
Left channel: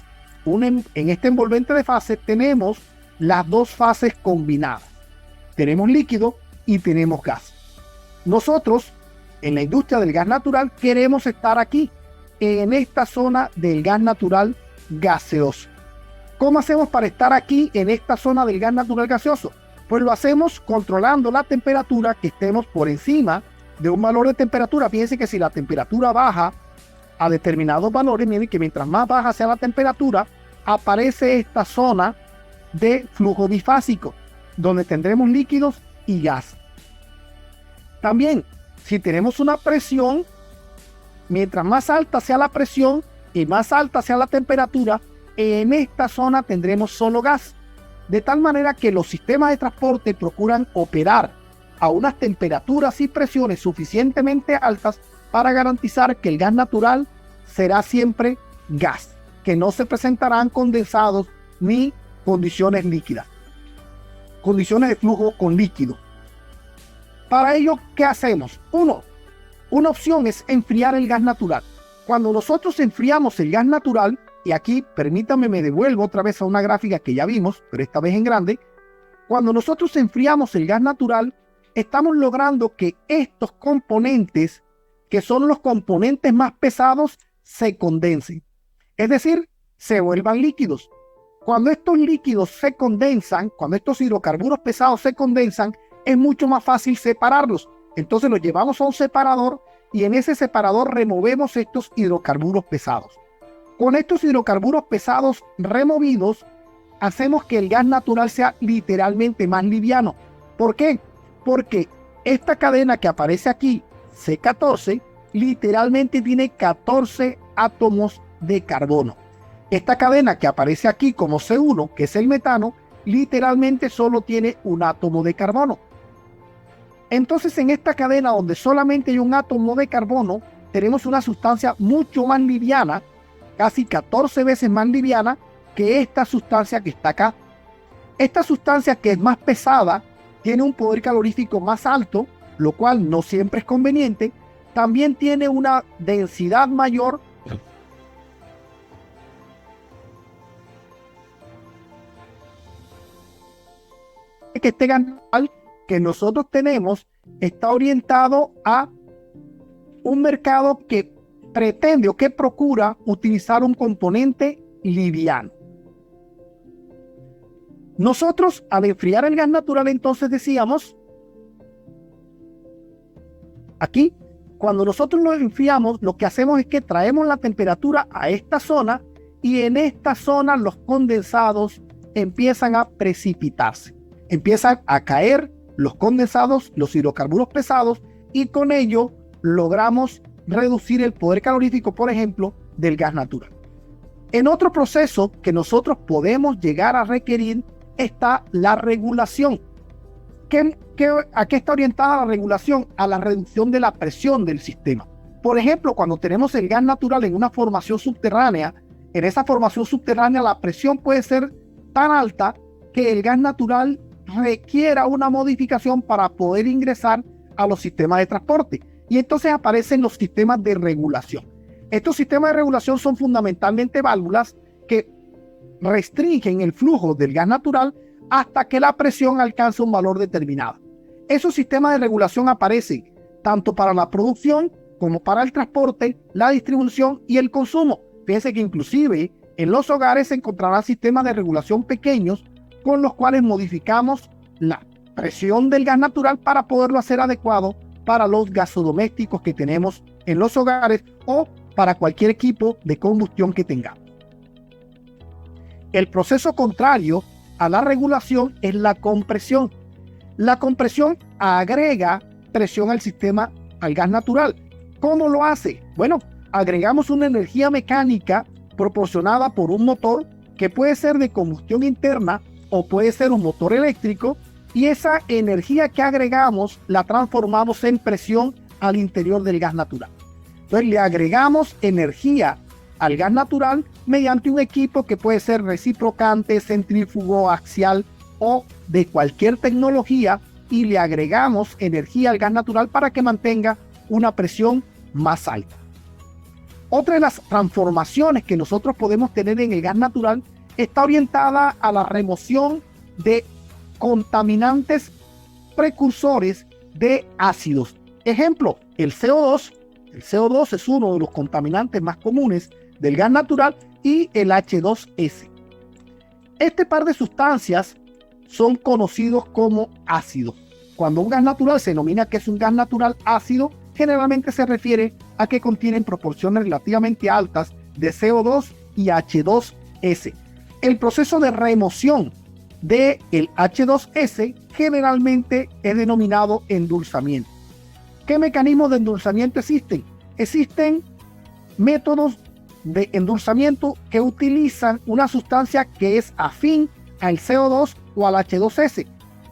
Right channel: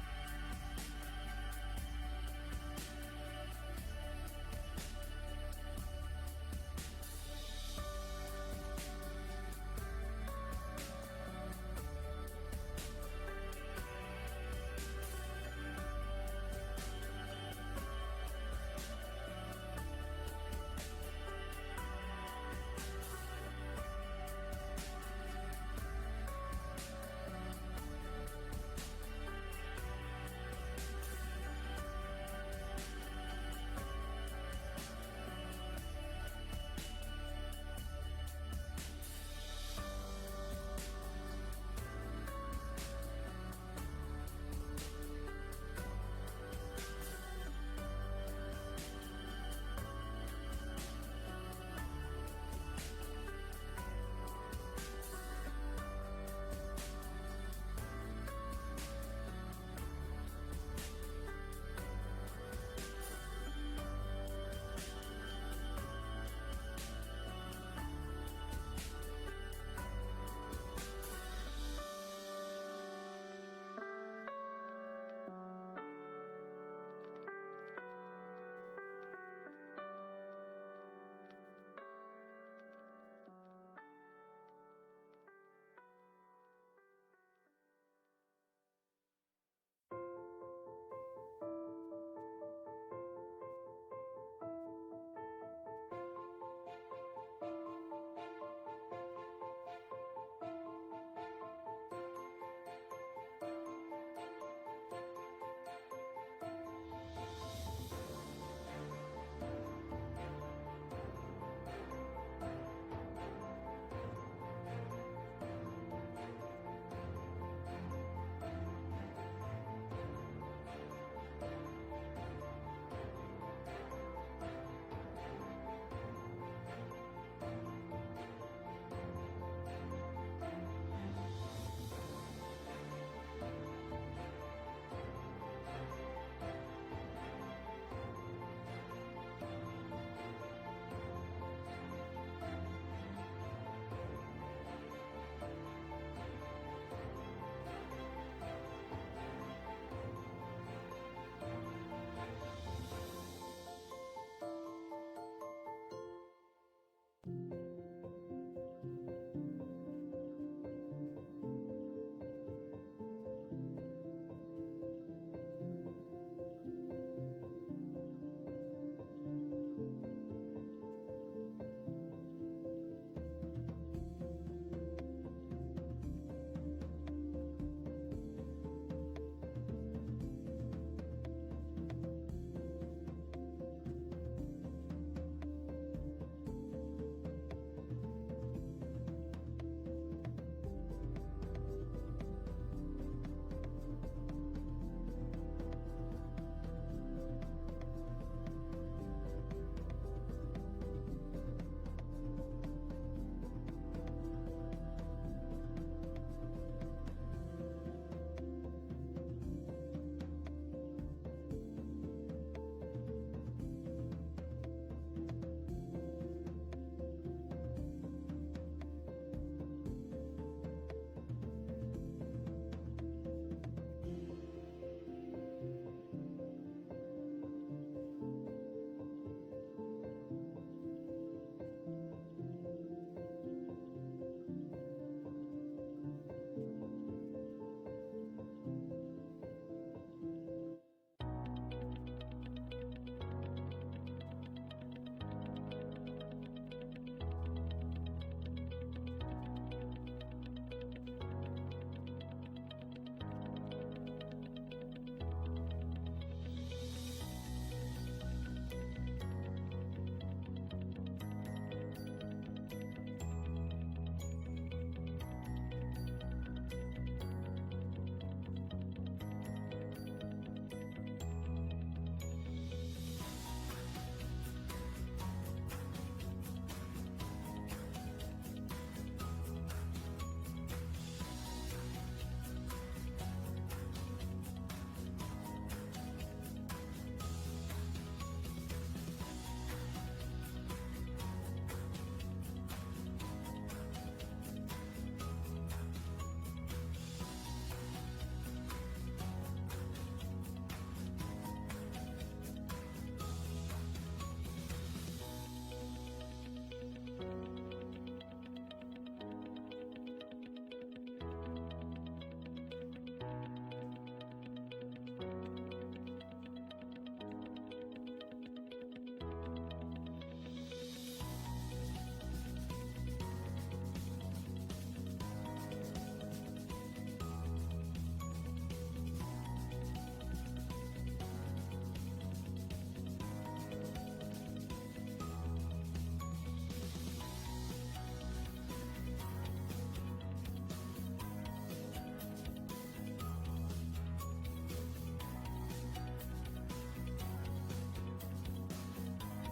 en este envolvente de fase, tenemos las dos fases combinadas. Tenemos líquido y tenemos gas. Nosotros, en la industria del gas natural, queremos estar aquí, en esta zona del gas natural gaseoso. ¿Cómo hacemos para estar aquí en esta zona del gas natural gaseoso? Pues lo hacemos controlando la temperatura, que estemos por encima de un valor de temperatura. Fíjense que si la temperatura baja a determinados valores, miren que mientras más baja sea la temperatura, aparece esta zona de flujo bifásico, donde tendremos líquidos y gas. También, si tenemos una presión, mientras más alta sea la presión y más alta sea la temperatura, en esta zona tendremos solo gas. De tal manera que los sistemas de transporte procuran operar a unas temperaturas y presiones suficientemente altas para garantizar que el gas natural será siempre gas, que no se presentarán condensados ni condiciones líquidas, condiciones de flujo con líquido. Para ello, ¿qué hacemos? Una opción es enfriar el gas natural. Cuando nosotros enfriamos el gas natural, y aquí permítanme, me devuelvo otra vez a una gráfica que ya vimos, pero esta vez en grande. Cuando nosotros enfriamos el gas natural, estamos logrando que estos componentes, que son los componentes más pesados, se condensen. Es decir, se vuelvan líquidos. Cuando estos líquidos se condensan, cuando estos hidrocarburos pesados se condensan, es mucho más fácil separarlos. Entonces los llevamos a un separador y en ese separador removemos estos hidrocarburos pesados. Con estos hidrocarburos pesados removidos, hacemos que el gas natural sea literalmente más liviano. ¿Por qué? Porque esta cadena que aparece aquí, C14, literalmente tiene 14 átomos de carbono. Esta cadena que aparece aquí como C1, que es el metano, literalmente solo tiene un átomo de carbono. Entonces, en esta cadena donde solamente hay un átomo de carbono, tenemos una sustancia mucho más liviana, casi 14 veces más liviana que esta sustancia que está acá. Esta sustancia, que es más pesada, tiene un poder calorífico más alto, lo cual no siempre es conveniente. También tiene una densidad mayor. Que este gas natural que nosotros tenemos está orientado a un mercado que pretende o que procura utilizar un componente liviano. Nosotros, al enfriar el gas natural, entonces decíamos, aquí, cuando nosotros lo enfriamos, lo que hacemos es que traemos la temperatura a esta zona y en esta zona los condensados empiezan a precipitarse. Empiezan a caer los condensados, los hidrocarburos pesados, y con ello logramos reducir el poder calorífico, por ejemplo, del gas natural. En otro proceso que nosotros podemos llegar a requerir está la regulación. ¿A qué está orientada la regulación? A la reducción de la presión del sistema. Por ejemplo, cuando tenemos el gas natural en una formación subterránea, en esa formación subterránea la presión puede ser tan alta que el gas natural requiera una modificación para poder ingresar a los sistemas de transporte. Y entonces aparecen los sistemas de regulación. Estos sistemas de regulación son fundamentalmente válvulas que restringen el flujo del gas natural hasta que la presión alcanza un valor determinado. Esos sistemas de regulación aparecen tanto para la producción como para el transporte, la distribución y el consumo. Fíjense que inclusive en los hogares se encontrarán sistemas de regulación pequeños con los cuales modificamos la presión del gas natural para poderlo hacer adecuado para los gasodomésticos que tenemos en los hogares o para cualquier equipo de combustión que tengamos. El proceso contrario a la regulación es la compresión. La compresión agrega presión al sistema, al gas natural. ¿Cómo lo hace? Bueno, agregamos una energía mecánica proporcionada por un motor que puede ser de combustión interna o puede ser un motor eléctrico, y esa energía que agregamos la transformamos en presión al interior del gas natural. Entonces le agregamos energía al gas natural mediante un equipo que puede ser reciprocante, centrífugo, axial o de cualquier tecnología, y le agregamos energía al gas natural para que mantenga una presión más alta. Otra de las transformaciones que nosotros podemos tener en el gas natural está orientada a la remoción de contaminantes precursores de ácidos. Ejemplo, el CO2. El CO2 es uno de los contaminantes más comunes del gas natural, y el H2S. Este par de sustancias son conocidos como ácidos. Cuando un gas natural se denomina que es un gas natural ácido, generalmente se refiere a que contienen proporciones relativamente altas de CO2 y H2S. El proceso de remoción del H2S generalmente es denominado endulzamiento. ¿Qué mecanismos de endulzamiento existen? Existen métodos de endulzamiento que utilizan una sustancia que es afín al CO2 o al H2S.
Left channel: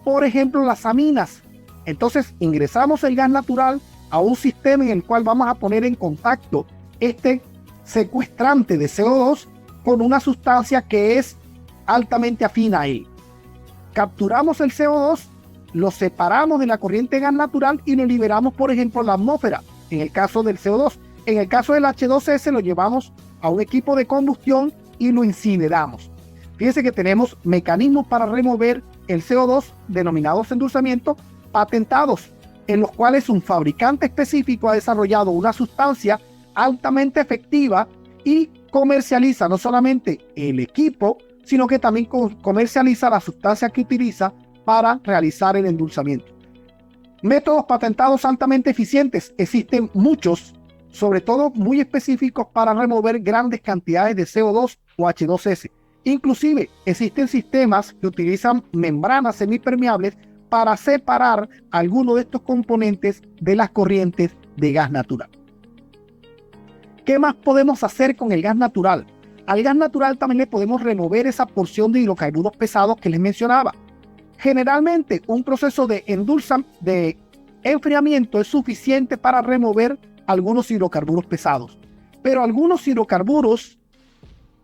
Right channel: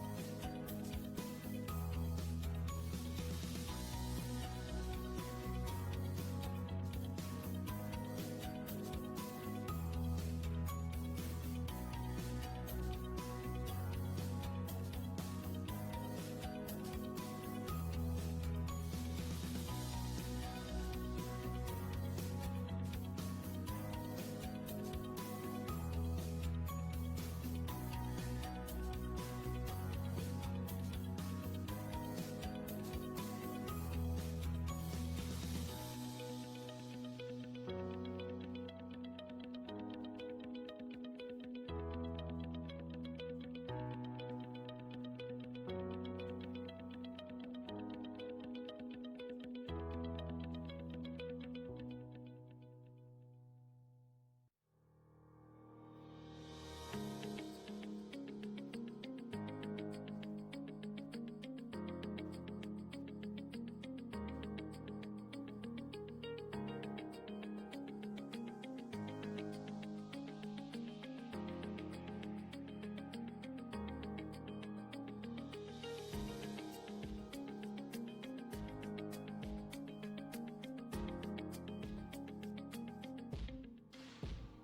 Por ejemplo, las aminas. Entonces ingresamos el gas natural a un sistema en el cual vamos a poner en contacto este secuestrante de CO2 con una sustancia que es altamente afín a él. Capturamos el CO2, lo separamos de la corriente de gas natural y lo liberamos, por ejemplo, a la atmósfera, en el caso del CO2. En el caso del H2S lo llevamos a un equipo de combustión y lo incineramos. Fíjense que tenemos mecanismos para remover el CO2 denominados endulzamiento patentados, en los cuales un fabricante específico ha desarrollado una sustancia altamente efectiva y comercializa no solamente el equipo, sino que también comercializa la sustancia que utiliza para realizar el endulzamiento. Métodos patentados altamente eficientes, existen muchos, sobre todo muy específicos para remover grandes cantidades de CO2 o H2S. Inclusive existen sistemas que utilizan membranas semipermeables para separar algunos de estos componentes de las corrientes de gas natural. ¿Qué más podemos hacer con el gas natural? Al gas natural también le podemos remover esa porción de hidrocarburos pesados que les mencionaba. Generalmente un proceso de enfriamiento es suficiente para remover algunos hidrocarburos pesados, pero algunos hidrocarburos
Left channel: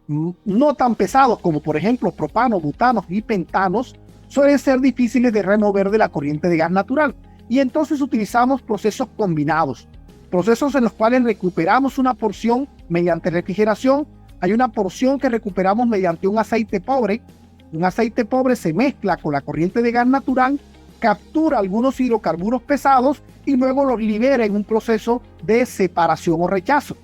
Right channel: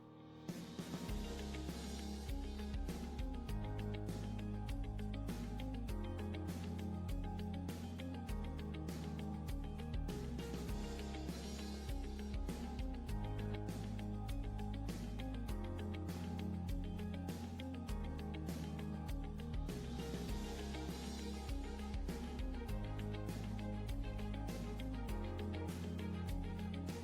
no tan pesados, como por ejemplo propanos, butanos y pentanos, suelen ser difíciles de remover de la corriente de gas natural, y entonces utilizamos procesos combinados, procesos en los cuales recuperamos una porción mediante refrigeración. Hay una porción que recuperamos mediante un aceite pobre. Un aceite pobre se mezcla con la corriente de gas natural, captura algunos hidrocarburos pesados y luego los libera en un proceso de separación o rechazo.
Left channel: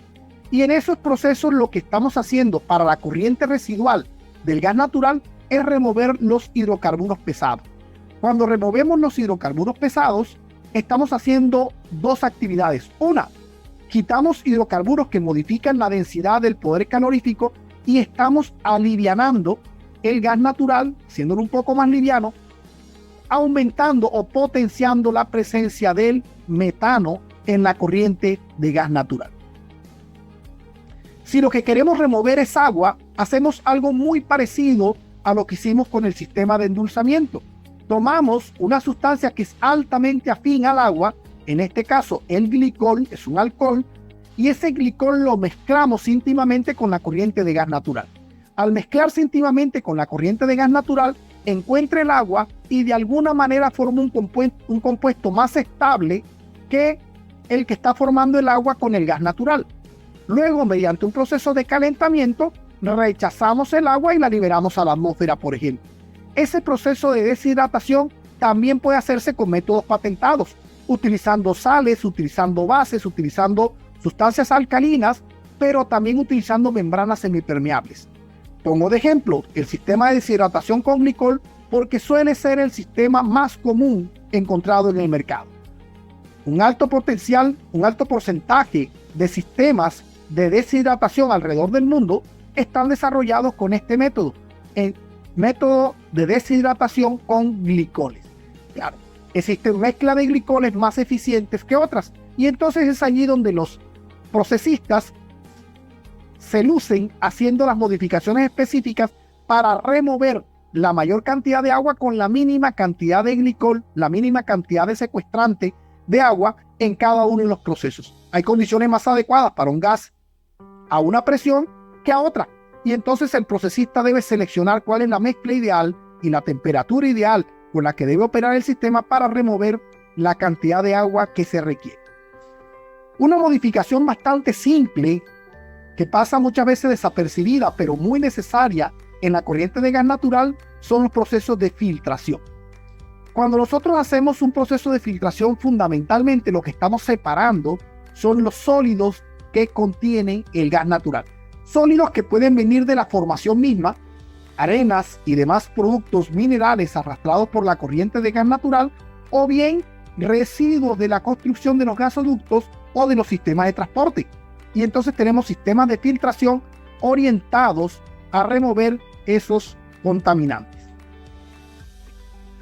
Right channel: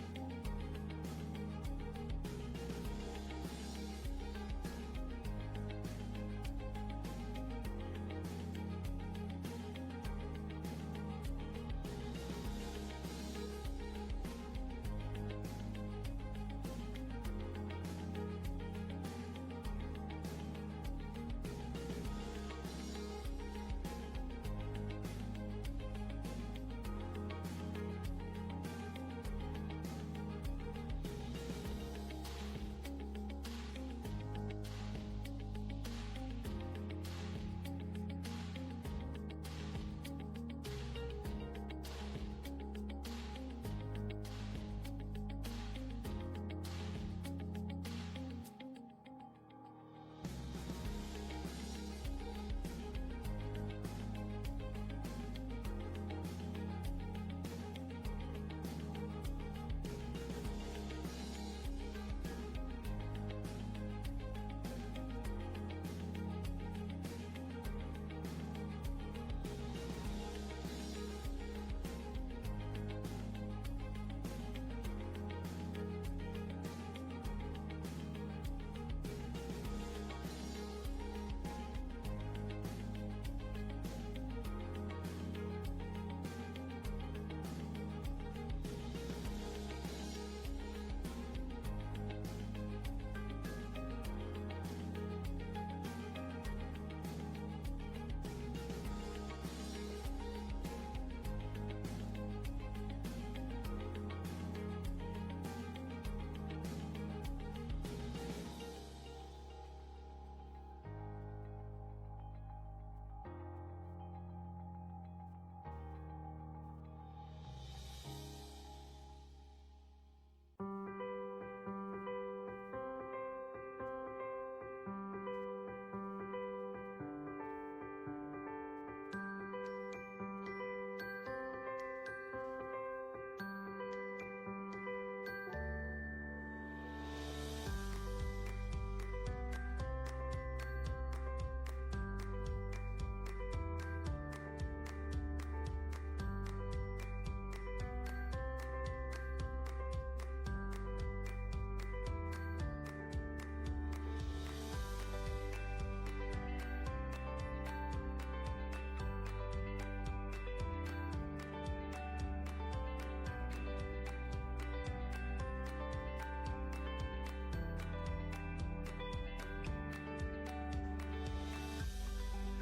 Y en esos procesos lo que estamos haciendo para la corriente residual del gas natural es remover los hidrocarburos pesados. Cuando removemos los hidrocarburos pesados, estamos haciendo dos actividades. Una, quitamos hidrocarburos que modifican la densidad del poder calorífico y estamos alivianando el gas natural, siéndolo un poco más liviano, aumentando o potenciando la presencia del metano en la corriente de gas natural. Si lo que queremos remover es agua, hacemos algo muy parecido a lo que hicimos con el sistema de endulzamiento. Tomamos una sustancia que es altamente afín al agua, en este caso el glicol, es un alcohol, y ese glicol lo mezclamos íntimamente con la corriente de gas natural. Al mezclarse íntimamente con la corriente de gas natural, encuentra el agua y de alguna manera forma un compuesto más estable que el que está formando el agua con el gas natural. Luego, mediante un proceso de calentamiento, rechazamos el agua y la liberamos a la atmósfera, por ejemplo. Ese proceso de deshidratación también puede hacerse con métodos patentados, utilizando sales, utilizando bases, utilizando sustancias alcalinas, pero también utilizando membranas semipermeables. Pongo de ejemplo el sistema de deshidratación con glicol porque suele ser el sistema más común encontrado en el mercado. Un alto porcentaje de sistemas de deshidratación alrededor del mundo están desarrollados con este método, el método de deshidratación con glicoles. Claro, existen mezclas de glicoles más eficientes que otras, y entonces es allí donde los procesistas se lucen haciendo las modificaciones específicas para remover la mayor cantidad de agua con la mínima cantidad de glicol, la mínima cantidad de secuestrante de agua en cada uno de los procesos. Hay condiciones más adecuadas para un gas a una presión que a otra, y entonces el procesista debe seleccionar cuál es la mezcla ideal y la temperatura ideal con la que debe operar el sistema para remover la cantidad de agua que se requiere. Una modificación bastante simple que pasa muchas veces desapercibida pero muy necesaria en la corriente de gas natural son los procesos de filtración. Cuando nosotros hacemos un proceso de filtración, fundamentalmente lo que estamos separando son los sólidos que contienen el gas natural. Sólidos que pueden venir de la formación misma, arenas y demás productos minerales arrastrados por la corriente de gas natural, o bien residuos de la construcción de los gasoductos o de los sistemas de transporte. Y entonces tenemos sistemas de filtración orientados a remover esos contaminantes.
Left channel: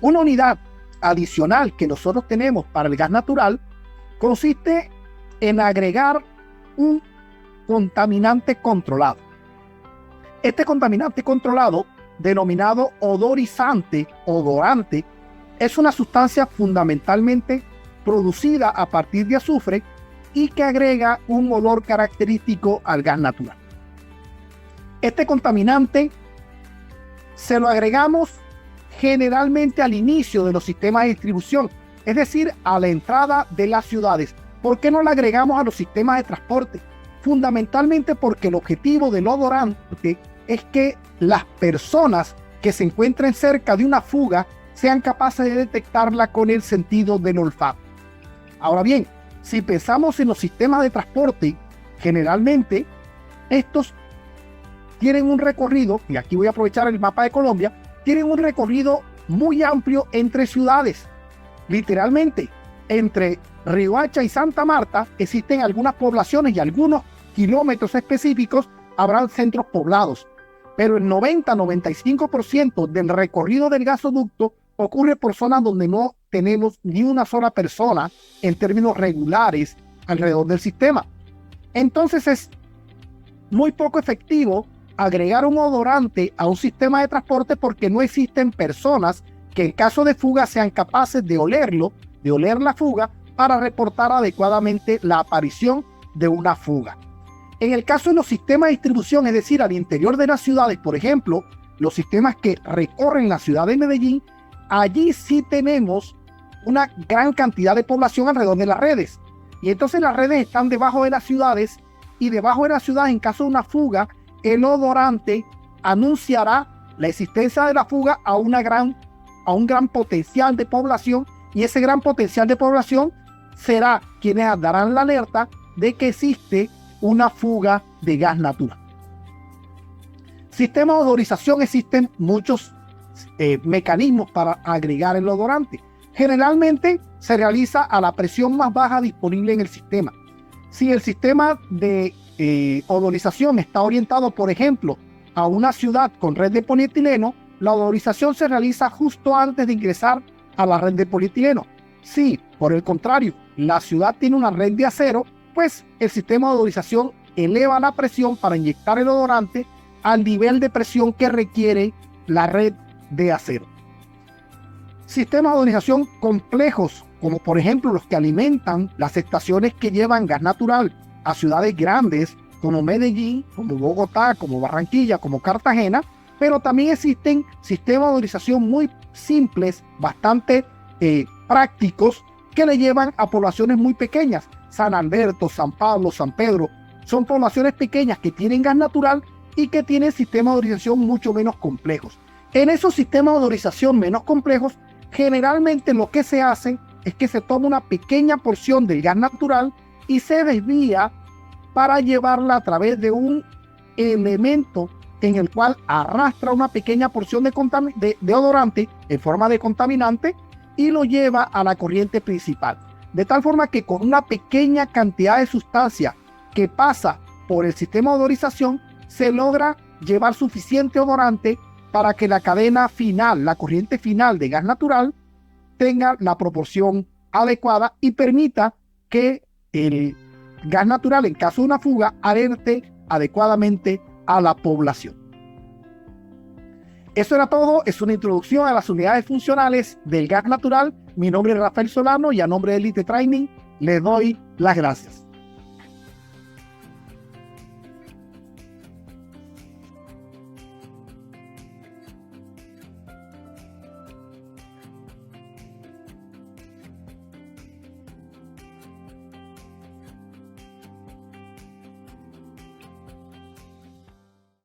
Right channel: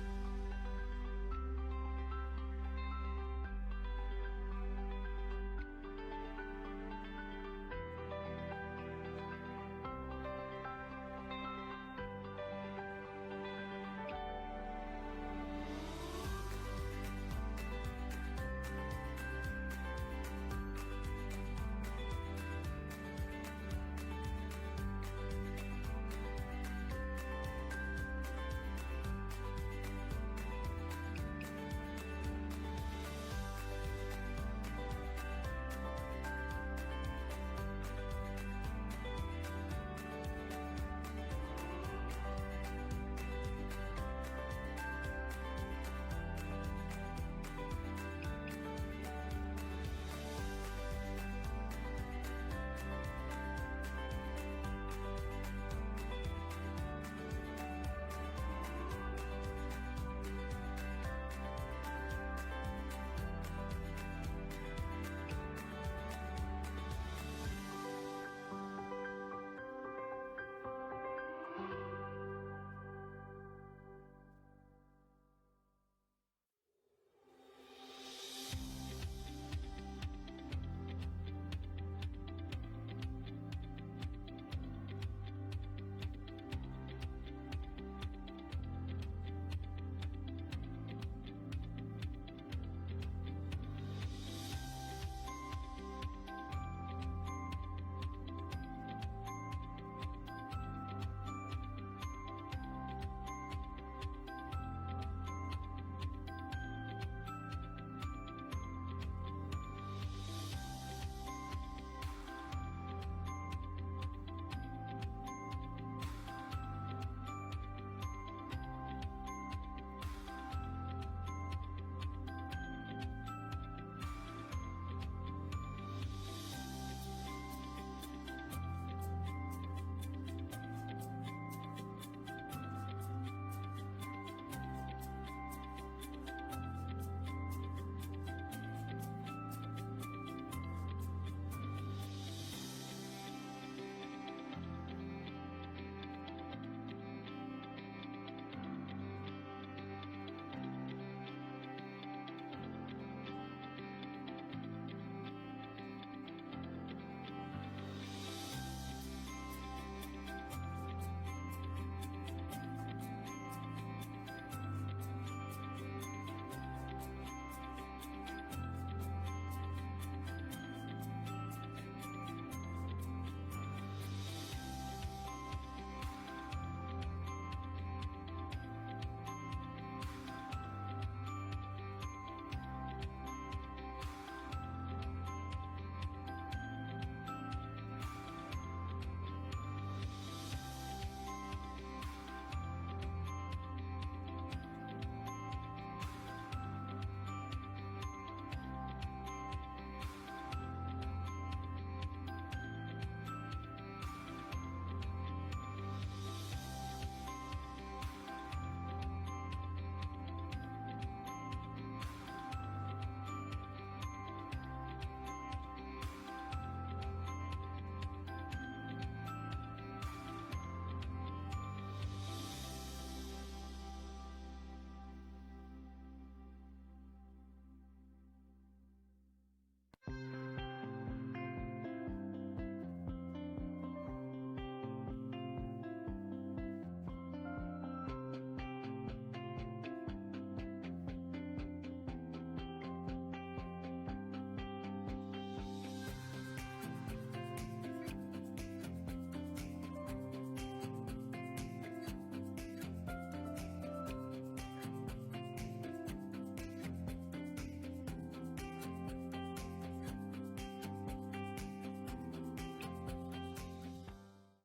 Una unidad adicional que nosotros tenemos para el gas natural consiste en agregar un contaminante controlado. Este contaminante controlado, denominado odorizante, odorante, es una sustancia fundamentalmente producida a partir de azufre y que agrega un olor característico al gas natural. Este contaminante se lo agregamos generalmente al inicio de los sistemas de distribución, es decir, a la entrada de las ciudades. ¿Por qué no lo agregamos a los sistemas de transporte? Fundamentalmente porque el objetivo del odorante es que las personas que se encuentren cerca de una fuga sean capaces de detectarla con el sentido del olfato. Ahora bien, si pensamos en los sistemas de transporte, generalmente estos tienen un recorrido, y aquí voy a aprovechar el mapa de Colombia, tienen un recorrido muy amplio entre ciudades. Literalmente, entre Riohacha y Santa Marta existen algunas poblaciones y algunos kilómetros específicos habrán centros poblados. Pero el 90-95% del recorrido del gasoducto ocurre por zonas donde no tenemos ni una sola persona en términos regulares alrededor del sistema. Entonces es muy poco efectivo agregar un odorante a un sistema de transporte porque no existen personas que en caso de fuga sean capaces de olerlo, de oler la fuga para reportar adecuadamente la aparición de una fuga. En el caso de los sistemas de distribución, es decir, al interior de las ciudades, por ejemplo, los sistemas que recorren la ciudad de Medellín, allí sí tenemos una gran cantidad de población alrededor de las redes. Y entonces las redes están debajo de las ciudades, y debajo de las ciudades, en caso de una fuga, el odorante anunciará la existencia de la fuga a un gran potencial de población, y ese gran potencial de población será quienes darán la alerta de que existe una fuga de gas natural. Sistema de odorización, existen muchos mecanismos para agregar el odorante. Generalmente se realiza a la presión más baja disponible en el sistema. Si el sistema de odorización está orientado, por ejemplo, a una ciudad con red de polietileno, la odorización se realiza justo antes de ingresar a la red de polietileno. Si, por el contrario, la ciudad tiene una red de acero, pues el sistema de odorización eleva la presión para inyectar el odorante al nivel de presión que requiere la red de acero. Sistemas de odorización complejos, como por ejemplo los que alimentan las estaciones que llevan gas natural a ciudades grandes como Medellín, como Bogotá, como Barranquilla, como Cartagena, pero también existen sistemas de odorización muy simples, bastante prácticos, que le llevan a poblaciones muy pequeñas. San Alberto, San Pablo, San Pedro, son poblaciones pequeñas que tienen gas natural y que tienen sistemas de odorización mucho menos complejos. En esos sistemas de odorización menos complejos, generalmente lo que se hace es que se toma una pequeña porción del gas natural y se desvía para llevarla a través de un elemento en el cual arrastra una pequeña porción de odorante en forma de contaminante y lo lleva a la corriente principal. De tal forma que con una pequeña cantidad de sustancia que pasa por el sistema de odorización, se logra llevar suficiente odorante para que la cadena final, la corriente final de gas natural, tenga la proporción adecuada y permita que el gas natural, en caso de una fuga, alerte adecuadamente a la población. Eso era todo, es una introducción a las unidades funcionales del gas natural. Mi nombre es Rafael Solano y a nombre de Elite Training les doy las gracias.